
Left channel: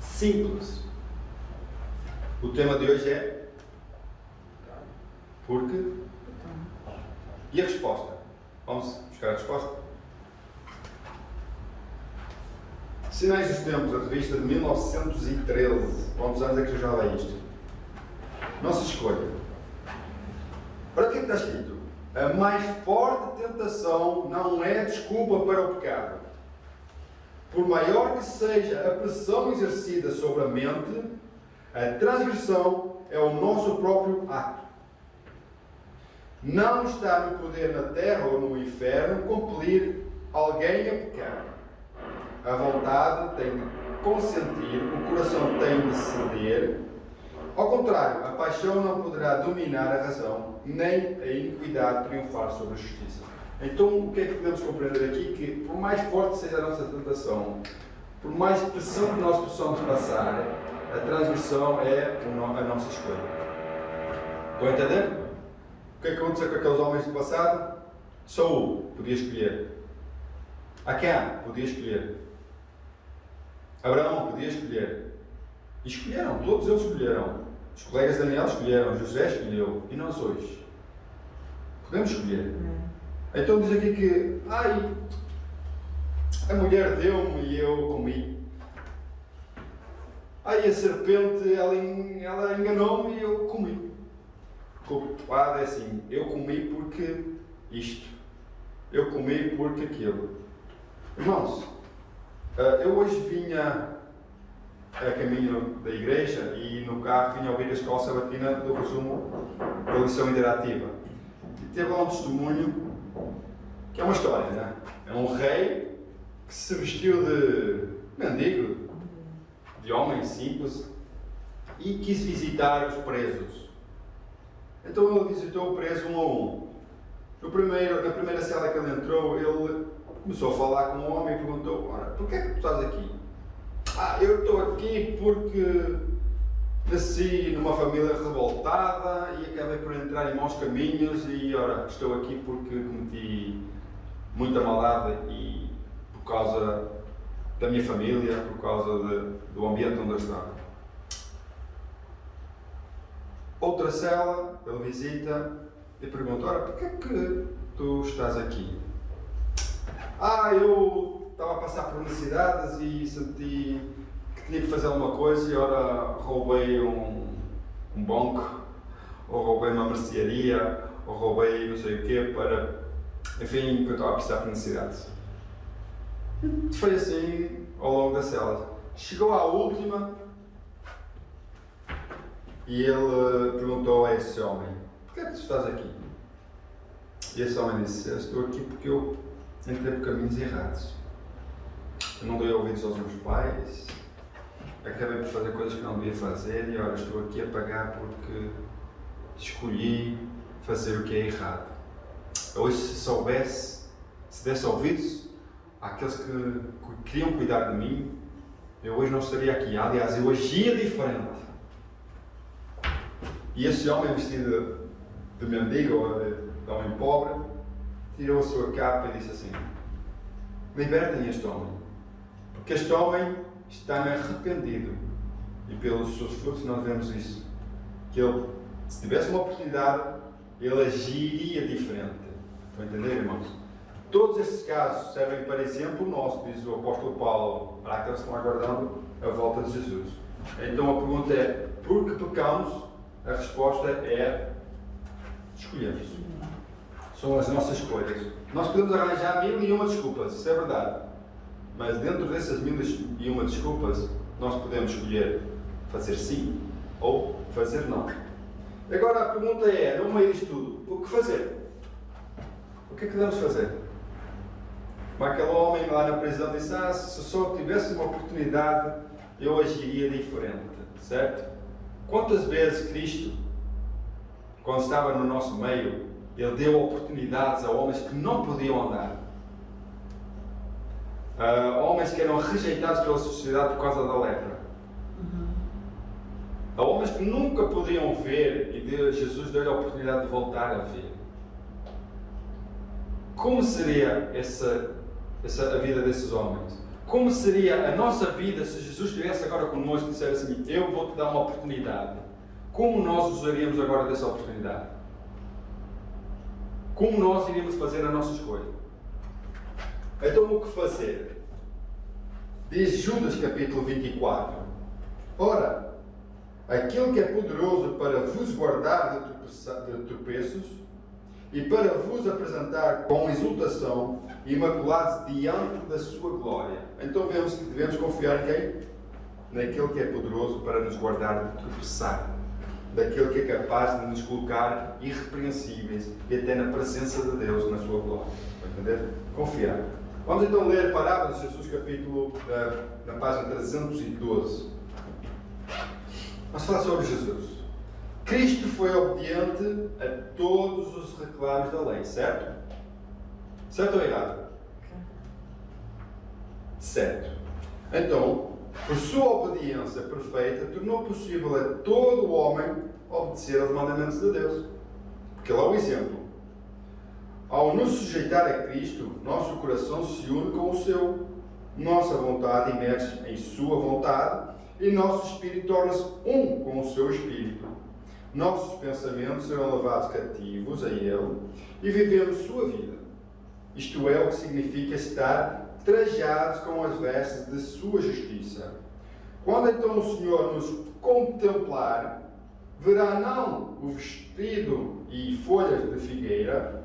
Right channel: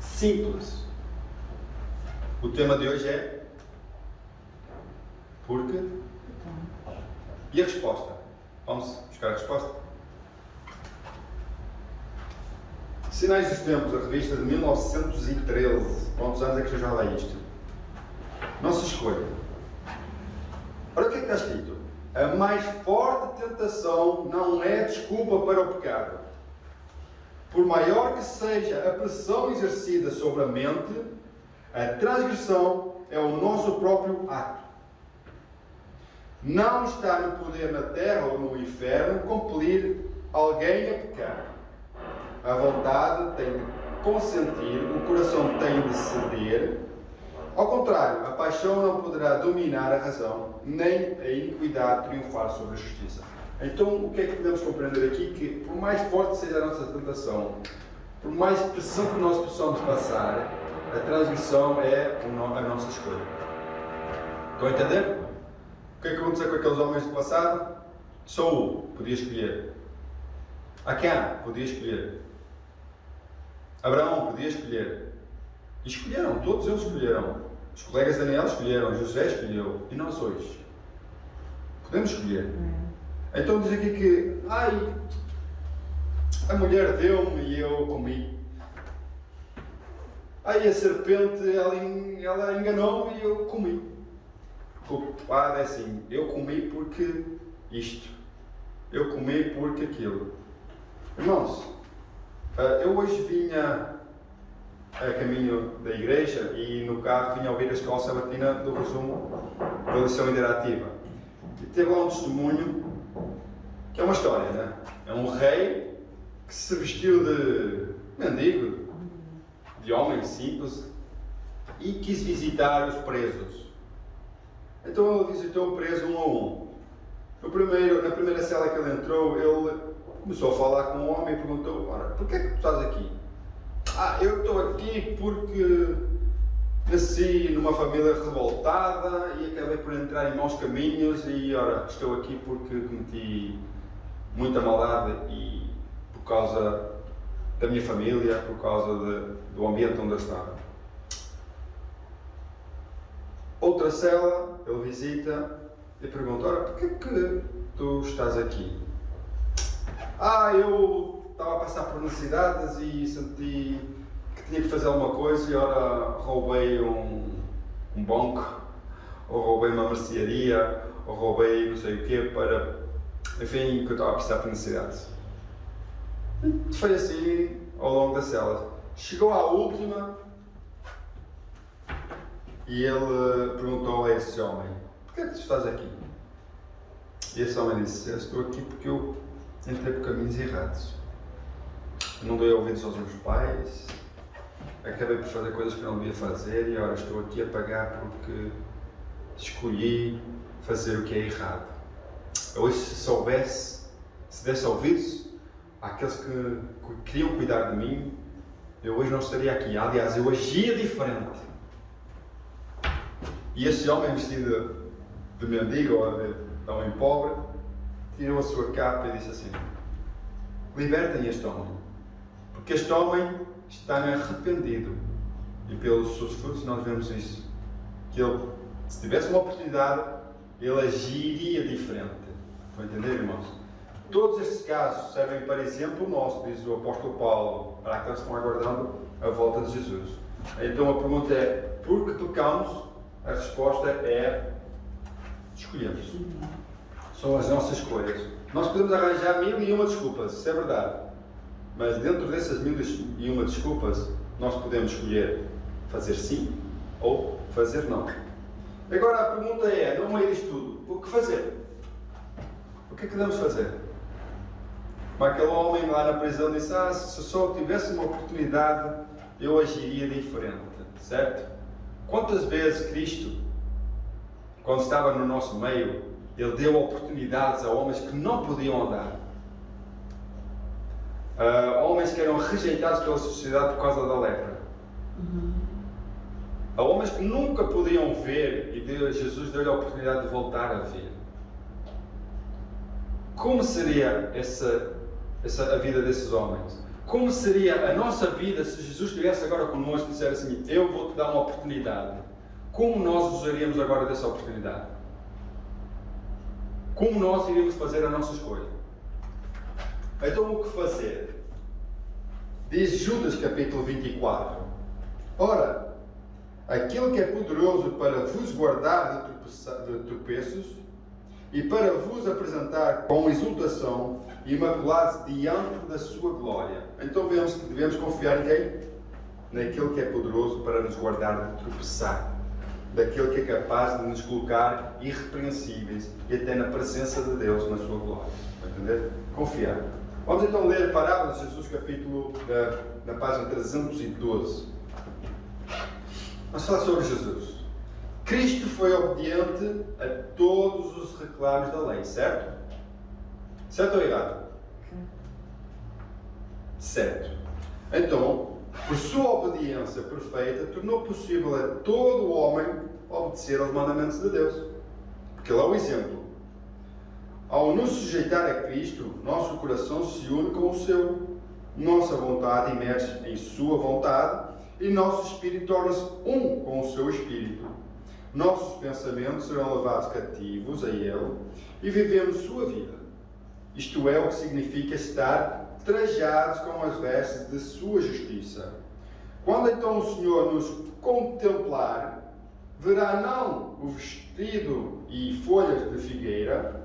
Simples. O tema de hoje é porque. E a resposta? Vamos buscar a resposta? Sinais dos Tempos, a revista de 1913. Quantos anos é que já vai isto? Nossa escolha. Ora, o que é que está escrito? A mais forte tentação não é desculpa para o pecado. Por maior que seja a pressão exercida sobre a mente, a transgressão é o nosso próprio ato. Não está no poder na terra ou no inferno compelir alguém a pecar. A vontade tem de consentir, o coração tem de ceder. Ao contrário, a paixão não poderá dominar a razão, nem a iniquidade triunfar sobre a justiça. Então, o que é que podemos compreender aqui? Que, por mais forte seja a nossa tentação, por mais pressão que nós possamos passar, a transgressão é a nossa escolha. Estão a entender? O que é que aconteceu com aqueles homens do passado? Saul podia escolher. Acã podia escolher. Abraão podia escolher. E escolheram, todos eles escolheram. Os colegas de Daniel escolheram, José escolheu. E nós hoje? Podemos escolher. Então diz aqui que, a mulher deu-me e eu comi. A serpente, ela enganou-me e eu comi. Culpado é assim, eu comi porque isto. Eu comi porque aquilo. Irmãos, eu hoje vinha a caminho da igreja e no carro vinha a ouvir a escola sabatina do resumo da lição interativa. E teve lá um testemunho, que é uma história, né? É um rei que se vestiu de mendigo, de homem simples, e quis visitar os presos. Então ele visitou o preso um a um. Na primeira cela que ele entrou, ele começou a falar com o homem e perguntou: ora, porquê é que tu estás aqui? Eu estou aqui porque nasci numa família revoltada e acabei por entrar em maus caminhos e, ora, estou aqui porque cometi muita maldade e por causa da minha família, por causa do ambiente onde eu estava. Outra cela, ele visita e pergunta: ora, porquê é que tu estás aqui? Eu estava a passar por necessidades e senti que tinha que fazer alguma coisa e ora roubei um banco, ou roubei uma mercearia, ou roubei não sei o quê para, enfim, que eu estava a passar por necessidades. E foi assim ao longo da cela. Chegou à última e ele perguntou a esse homem: porquê é que tu estás aqui? E esse homem disse: eu estou aqui porque eu entrei por caminhos errados. Eu não dei ouvidos aos meus pais, acabei por fazer coisas que não devia fazer e agora estou aqui a pagar porque escolhi fazer o que é errado. Hoje, se desse ouvidos àqueles que queriam cuidar de mim, eu hoje não estaria aqui. Aliás, eu agia diferente. E esse homem vestido de mendigo ou de homem pobre tirou a sua capa e disse assim: libertem este homem, porque este homem está arrependido. E pelos seus frutos nós vemos isso, que ele, se tivesse uma oportunidade, ele agiria diferente. Estão a entender, irmãos? Todos estes casos servem para exemplo nosso, diz o apóstolo Paulo, para aqueles que estão aguardando a volta de Jesus. Então a pergunta é: por que pecamos? A resposta é: escolhemos. São as nossas escolhas. Nós podemos arranjar 1001 desculpas, isso é verdade. Mas dentro dessas 1001 desculpas, nós podemos escolher fazer sim ou fazer não. Agora a pergunta é, no meio disto tudo, o que fazer? O que é que devemos fazer? Como aquele homem lá na prisão disse: se só tivesse uma oportunidade, eu agiria diferente, certo? Quantas vezes Cristo, quando estava no nosso meio, Ele deu oportunidades a homens que não podiam andar, a homens que eram rejeitados pela sociedade por causa da lepra, a homens que nunca podiam ver, e Jesus deu-lhe a oportunidade de voltar a ver. Como seria a vida desses homens? Como seria a nossa vida se Jesus estivesse agora connosco e dissesse assim: eu vou-te dar uma oportunidade? Como nós usaríamos agora dessa oportunidade? Como nós iríamos fazer a nossa escolha? Então o que fazer? Diz Judas capítulo 24: ora, aquele que é poderoso para vos guardar de tropeços e para vos apresentar com exultação imaculados diante da sua glória. Então vemos que devemos confiar em quem? Naquele que é poderoso para nos guardar de tropeçar, daquele que é capaz de nos colocar irrepreensíveis e até na presença de Deus, na sua glória. Entender? Confiar. Vamos então ler a parábola de Jesus, capítulo na página 312. Vamos falar sobre Jesus. Cristo foi obediente a todos os reclames da lei, certo? Certo ou errado? Certo. Então, por sua obediência perfeita, tornou possível a todo homem obedecer aos mandamentos de Deus. Porque ele é o exemplo. Ao nos sujeitar a Cristo, nosso coração se une com o seu. Nossa vontade emerge em sua vontade e nosso espírito torna-se um com o seu espírito. Nossos pensamentos serão levados cativos a Ele e vivemos sua vida. Isto é o que significa estar trajados com as vestes de sua justiça. Quando então o Senhor nos contemplar, verá não o vestido e folhas de figueira,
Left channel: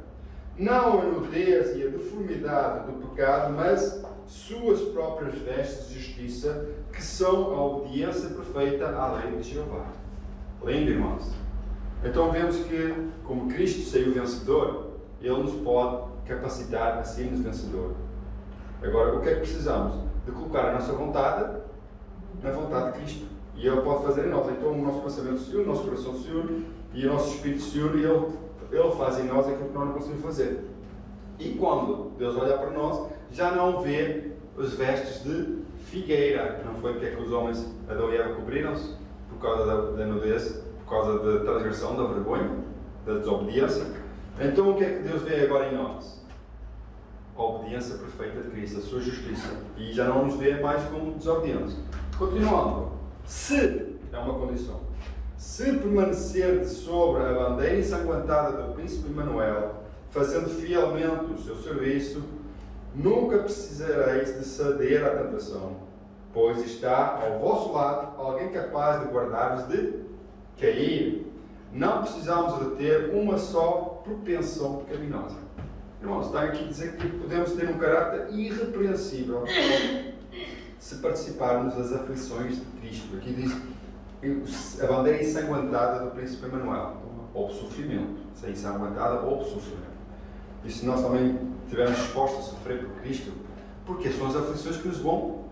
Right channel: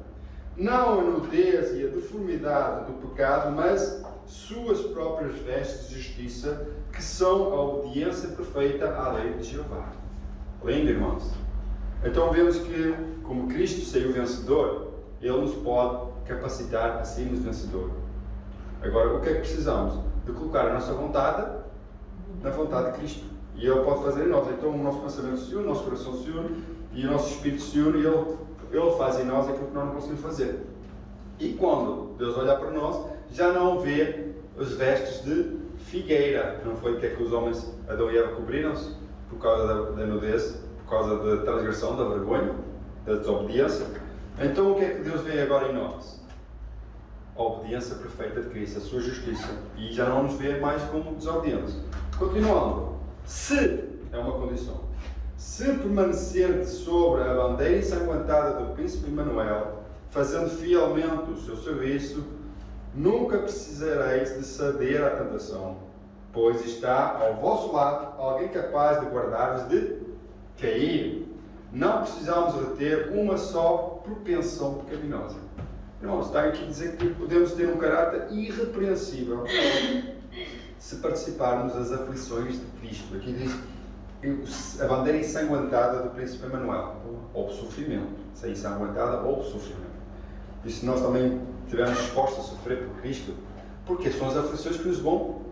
não a nudez e a deformidade do pecado, mas suas próprias vestes de justiça, que são a obediência perfeita à lei de Jeová. Lindo, irmãos. Então vemos que, como Cristo saiu vencedor, Ele nos pode capacitar a sermos vencedor. Agora, o que é que precisamos? De colocar a nossa vontade na vontade de Cristo. E Ele pode fazer em nós. Então o nosso pensamento se une, o nosso coração se une, e o nosso espírito se une, e Ele faz em nós aquilo que nós não conseguimos fazer. E quando Deus olhar para nós, já não vê as vestes de figueira. Não foi o que é que os homens, Adão e Eva, cobriram-se? Por causa da nudez, por causa da transgressão, da vergonha, da desobediência. Então o que é que Deus vê agora em nós? A obediência perfeita de Cristo, a sua justiça. E já não nos vê mais como desobedientes. Continuando. Se, é uma condição, se permanecerdes sobre a bandeira ensanguentada do príncipe Emanuel, fazendo fielmente o seu serviço, nunca precisareis de ceder à tentação, pois está ao vosso lado alguém capaz de guardar-vos de cair. Não precisamos reter uma só propensão pecaminosa. Irmãos, está aqui a dizer que podemos ter um caráter irrepreensível se participarmos das aflições de Cristo. Aqui diz a bandeira ensanguentada do príncipe Emanuel, ou sofrimento. Se é ensanguentada ou sofrimento. E se nós também estivermos dispostos a sofrer por Cristo, porque são as aflições que nos vão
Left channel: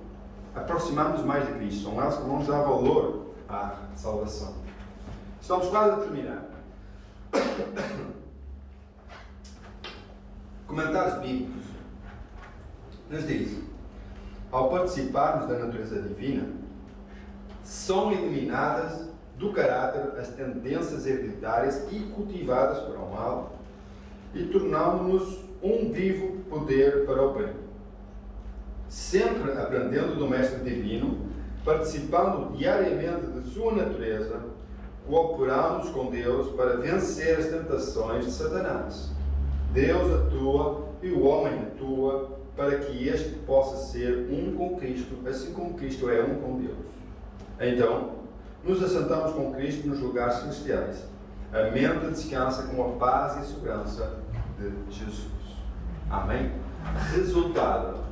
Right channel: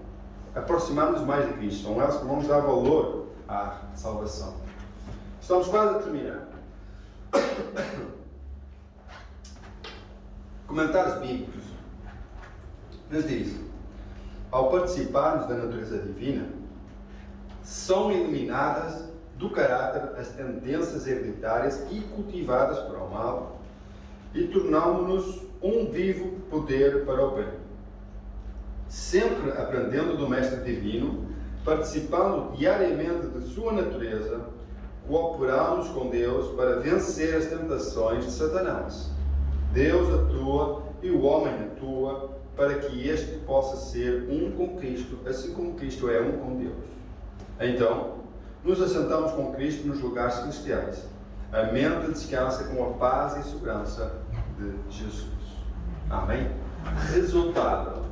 aproximar-nos mais de Cristo, são elas que vão nos dar valor à salvação. Estamos quase a terminar. Comentários bíblicos nos diz: ao participarmos da natureza divina, são eliminadas do caráter as tendências hereditárias e cultivadas para o mal, e tornamos-nos um vivo poder para o bem. Sempre aprendendo do Mestre Divino, participando diariamente de sua natureza, cooperamos com Deus para vencer as tentações de Satanás. Deus atua e o homem atua para que este possa ser um com Cristo, assim como Cristo é um com Deus. Então, nos assentamos com Cristo nos lugares celestiais. A mente descansa com a paz e segurança de Jesus. Amém? Resultado:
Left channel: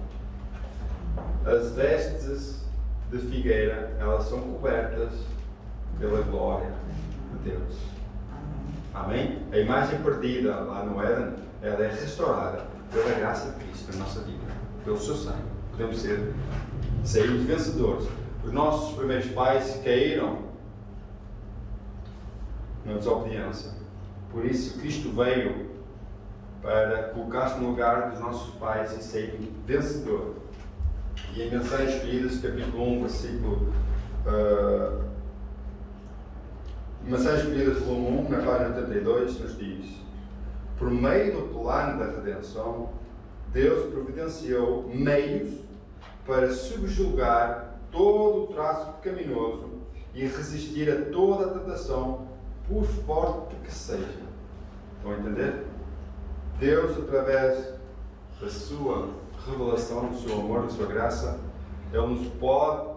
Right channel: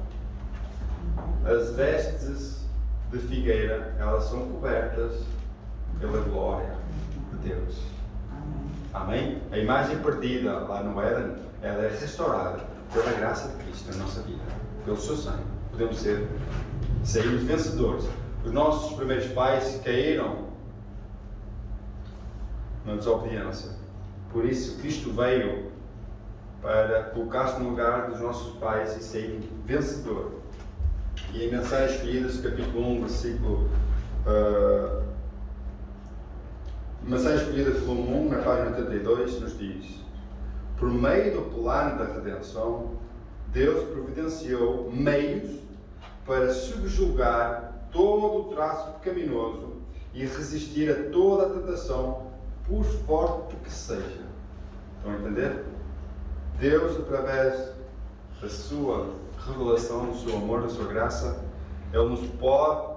as vestes de figueira, elas são cobertas pela glória de Deus. Amém? A imagem perdida lá no Éden, ela é restaurada pela graça de Cristo na nossa vida, pelo seu sangue. Podemos sairmos vencedores. Os nossos primeiros pais caíram na desobediência. Por isso, Cristo veio para colocar-se no lugar dos nossos pais e sair vencedor. E em Mensagens Escolhidas, capítulo 1, versículo... Mensagens Escolhidas, volume 1, na página 82, nos diz: por meio do plano da redenção, Deus providenciou meios para subjugar todo o traço pecaminoso e resistir a toda a tentação, por forte que seja. Estão a entender? Deus, através da sua revelação, do seu amor, da sua graça, Ele nos pode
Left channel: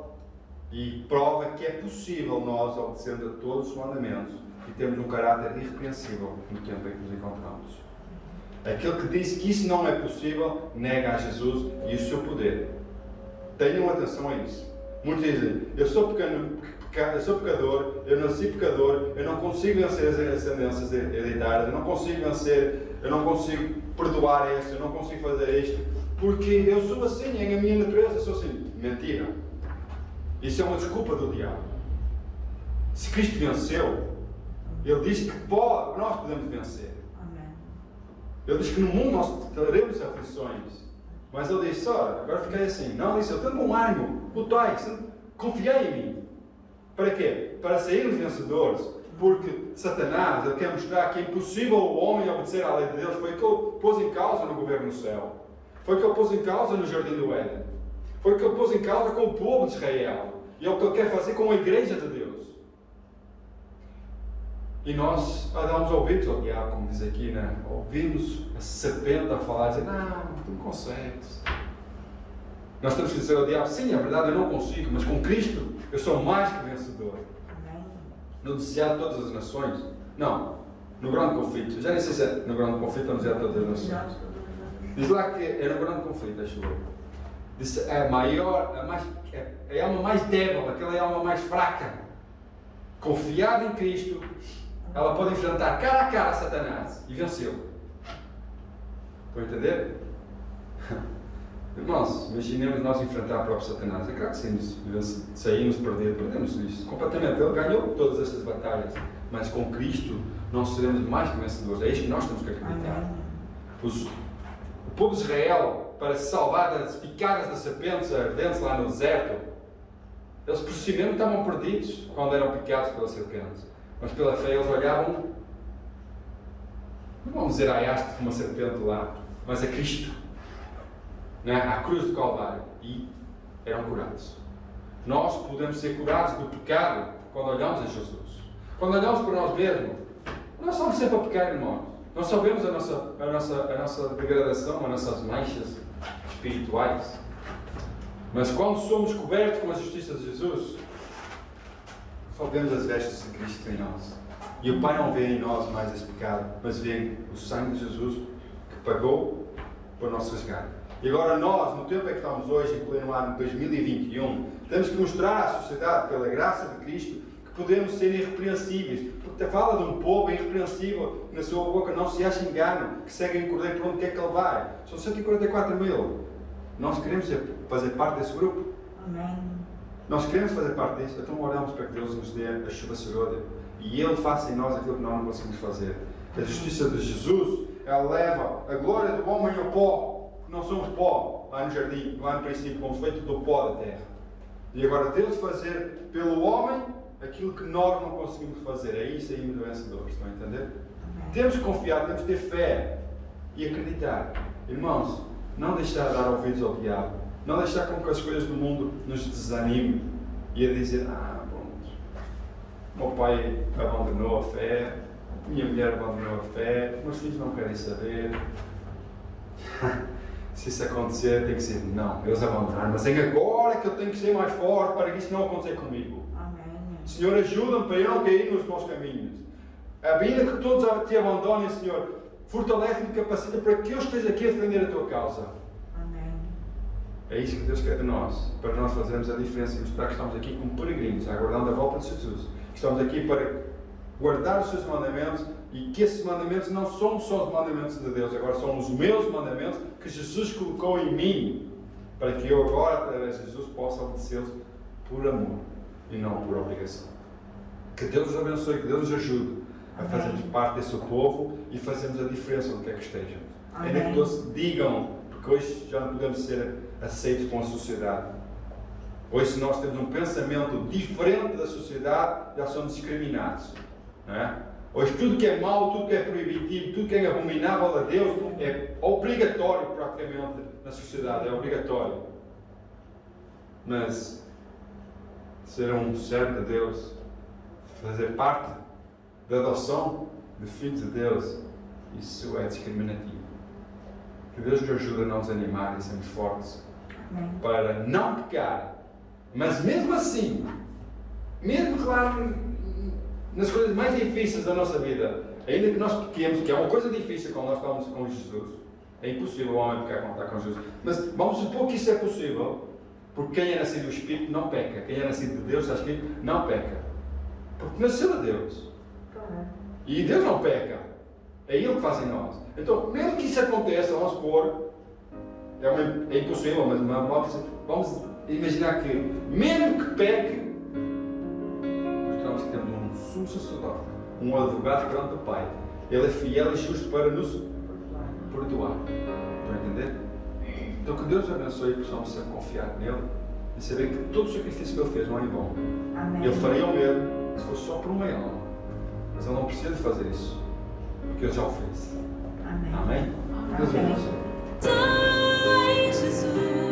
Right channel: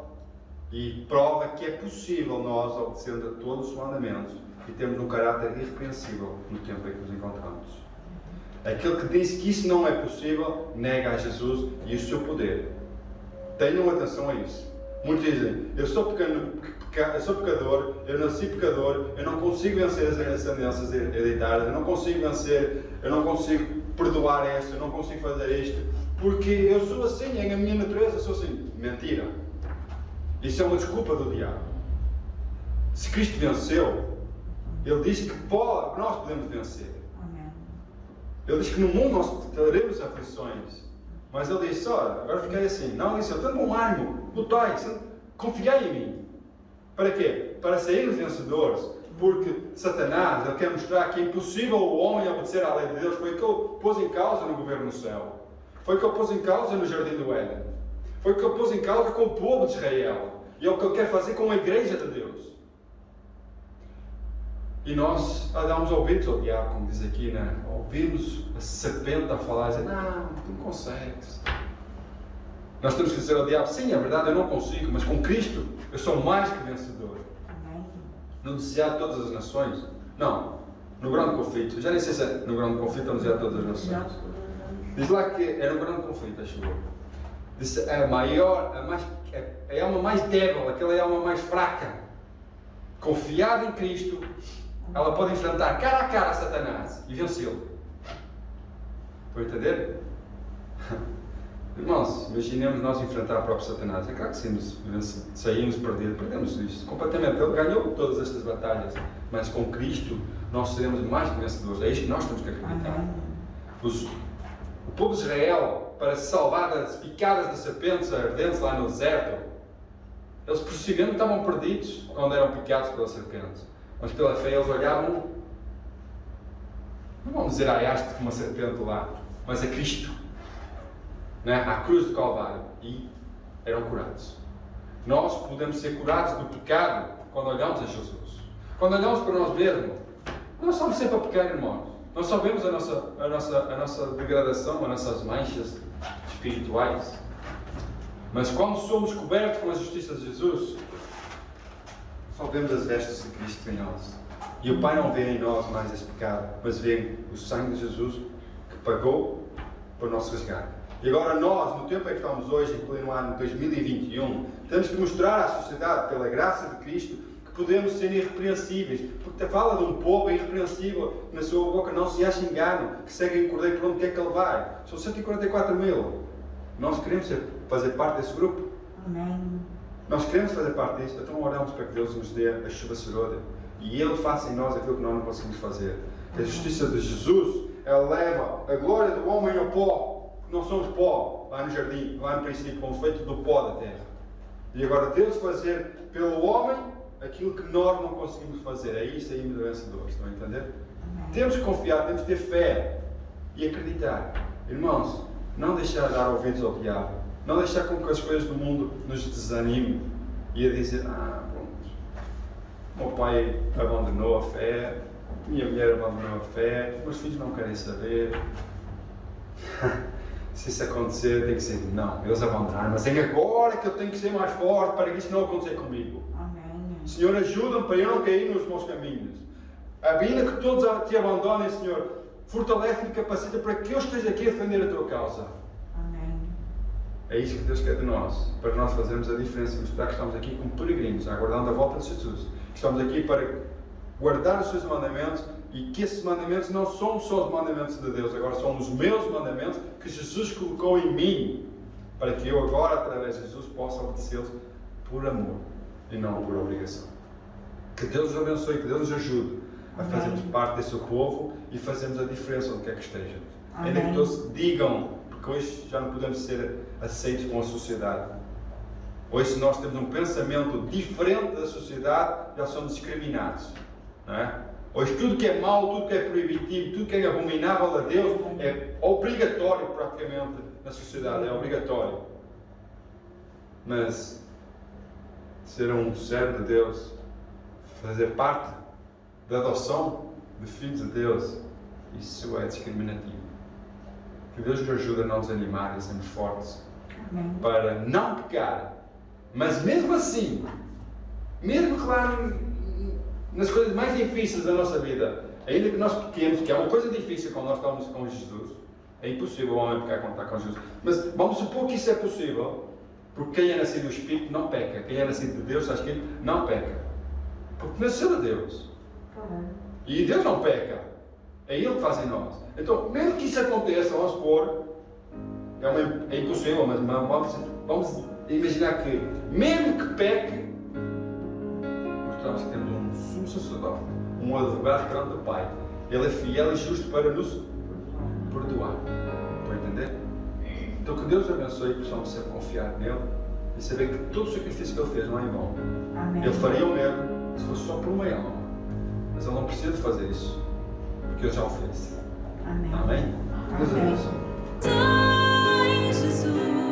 e prova que é possível nós, obedecendo a todos os mandamentos, e termos um caráter irrepreensível no tempo em que nos encontramos. Aquele que diz que isso não é possível, nega a Jesus e o seu poder. Tenham atenção a isso. Muitos dizem: eu sou pecador, eu nasci pecador, eu não consigo vencer as tendências hereditárias, eu não consigo vencer, eu não consigo perdoar este, eu não consigo fazer isto, porque eu sou assim, é a minha natureza, eu sou assim. Mentira. Isso é uma desculpa do diabo. Se Cristo venceu, Ele diz que nós podemos vencer. Amém. Ele diz que no mundo nós teremos aflições. Mas Ele disse, olha, agora fiquei assim. Não, disse, eu tenho um ânimo, lutai, confiai em mim. Para quê? Para sairmos vencedores. Porque Satanás, ele quer mostrar que é impossível o homem obedecer à lei de Deus. Foi o que ele pôs em causa no governo no céu. Foi o que ele pôs em causa no jardim do Éden. Foi o que ele pôs em causa com o povo de Israel. E é o que ele quer fazer com a igreja de Deus. E nós damos ouvidos ao diabo, como diz aqui, né? Ouvimos a serpente a falar, a dizer, não, tu não consegues. Nós temos que dizer ao diabo, sim, é verdade, eu não consigo, mas com Cristo eu sou mais que vencedor. Amém. No desejado de todas as nações? Não, no grande conflito. Já nem sei se é no grande conflito ou no desejado de todas as nações. Diz lá que era um grande conflito, acho eu. Diz a maior, a alma mais débil, aquela alma mais fraca, confiada em Cristo, ela pode enfrentar cara a cara a Satanás e vencê-lo. Estão a entender? Irmãos, imaginemos nós enfrentar o próprio Satanás. É claro que saímos perdemos isto completamente. Ele ganhou todas estas batalhas, mas com Cristo nós seremos mais que vencedores. É isto que nós temos que acreditar. O povo de Israel, para se salvar das picadas das serpentes ardentes lá no deserto, eles por si mesmos estavam perdidos quando eram picados pela serpente. Mas pela fé eles olhavam, não vamos dizer a haste como uma serpente lá, mas a Cristo, né? À cruz do Calvário, e eram curados. Nós podemos ser curados do pecado quando olhamos a Jesus. Quando olhamos para nós mesmos, nós estamos sempre a pecar, irmãos. Nós só vemos a nossa degradação, as nossas manchas espirituais. Mas quando somos cobertos com a justiça de Jesus, só vemos as vestes de Cristo em nós. E o Pai não vê em nós mais esse pecado, mas vê o sangue de Jesus que pagou para o nosso resgate. E agora nós, no tempo em que estamos hoje, incluindo o ano 2021, temos que mostrar à sociedade, pela graça de Cristo, que podemos ser irrepreensíveis. Porque fala de um povo irrepreensível, que na sua boca não se acha engano, que segue em cordeiro por onde quer que ele vai. São 144 mil. Nós queremos fazer parte desse grupo. Amém. Nós queremos fazer parte disso, então oramos para que Deus nos dê a chuva serôdia e Ele faça em nós aquilo que nós não conseguimos fazer. Que a justiça de Jesus, ela leva a glória do homem ao pó, que não somos pó, lá no jardim, lá no princípio, fomos feitos do pó da terra. E agora Deus fazer pelo homem aquilo que nós não conseguimos fazer, aí saímos vencedores, estão a entender? Temos que confiar, temos que ter fé e acreditar. Irmãos, não deixar de dar ouvidos ao diabo. Não deixar com que as coisas do mundo nos desanimem e a dizer, pronto, meu pai abandonou a fé, minha mulher abandonou a fé, meus filhos não querem saber. Se isso acontecer, tem que ser, não, eles abandonaram, mas é agora que eu tenho que ser mais forte para que isso não aconteça comigo. Amém. Senhor, ajuda-me para eu não cair nos meus caminhos. Ainda que todos te abandonem, Senhor, fortalece-me e capacita para que eu esteja aqui a defender a tua causa. É isso que Deus quer de nós, para nós fazermos a diferença e mostrar que estamos aqui como peregrinos, aguardando a volta de Jesus. Que estamos aqui para guardar os seus mandamentos e que esses mandamentos não são só os mandamentos de Deus, agora são os meus mandamentos que Jesus colocou em mim, para que eu agora, através de Jesus, possa obedecê-los por amor e não por obrigação. Que Deus nos abençoe, que Deus nos ajude a fazermos parte desse povo e fazermos a diferença onde quer que estejamos. Ainda que todos digam, porque hoje já não podemos ser aceitos com a sociedade. Hoje, se nós temos um pensamento diferente da sociedade, já somos discriminados. Não é? Hoje, tudo que é mau, tudo que é proibitivo, tudo que é abominável a Deus é obrigatório praticamente na sociedade, é obrigatório. Mas ser um servo de Deus, fazer parte da adoção de filhos de Deus, isso é discriminativo. Que Deus nos ajude a não desanimar e a sermos fortes. Amém. Para não pecar, mas mesmo assim, mesmo claro, nas coisas mais difíceis da nossa vida, ainda que nós pequemos, que é uma coisa difícil quando nós estamos com Jesus, é impossível o homem pecar quando está com Jesus, mas vamos supor que isso é possível, porque quem é nascido do Espírito não peca, quem é nascido de Deus, está escrito, não peca, porque nasceu de Deus, e Deus não peca, é Ele que faz em nós. Então, mesmo que isso aconteça, vamos supor, é impossível, mas vamos imaginar que, mesmo que peque, mostramos que temos um sumo sacerdote, um advogado perante o Pai. Ele é fiel e justo para nos perdoar. Estão a entender? Então que Deus abençoe e possamos sempre confiar nele e saber que todo o sacrifício que ele fez não é em vão. Amém. Ele faria o mesmo se fosse só por uma alma. Mas ele não precisa fazer isso, porque ele já o fez. Amém. Amém? Deus Amém. abençoe. Ai, Jesus.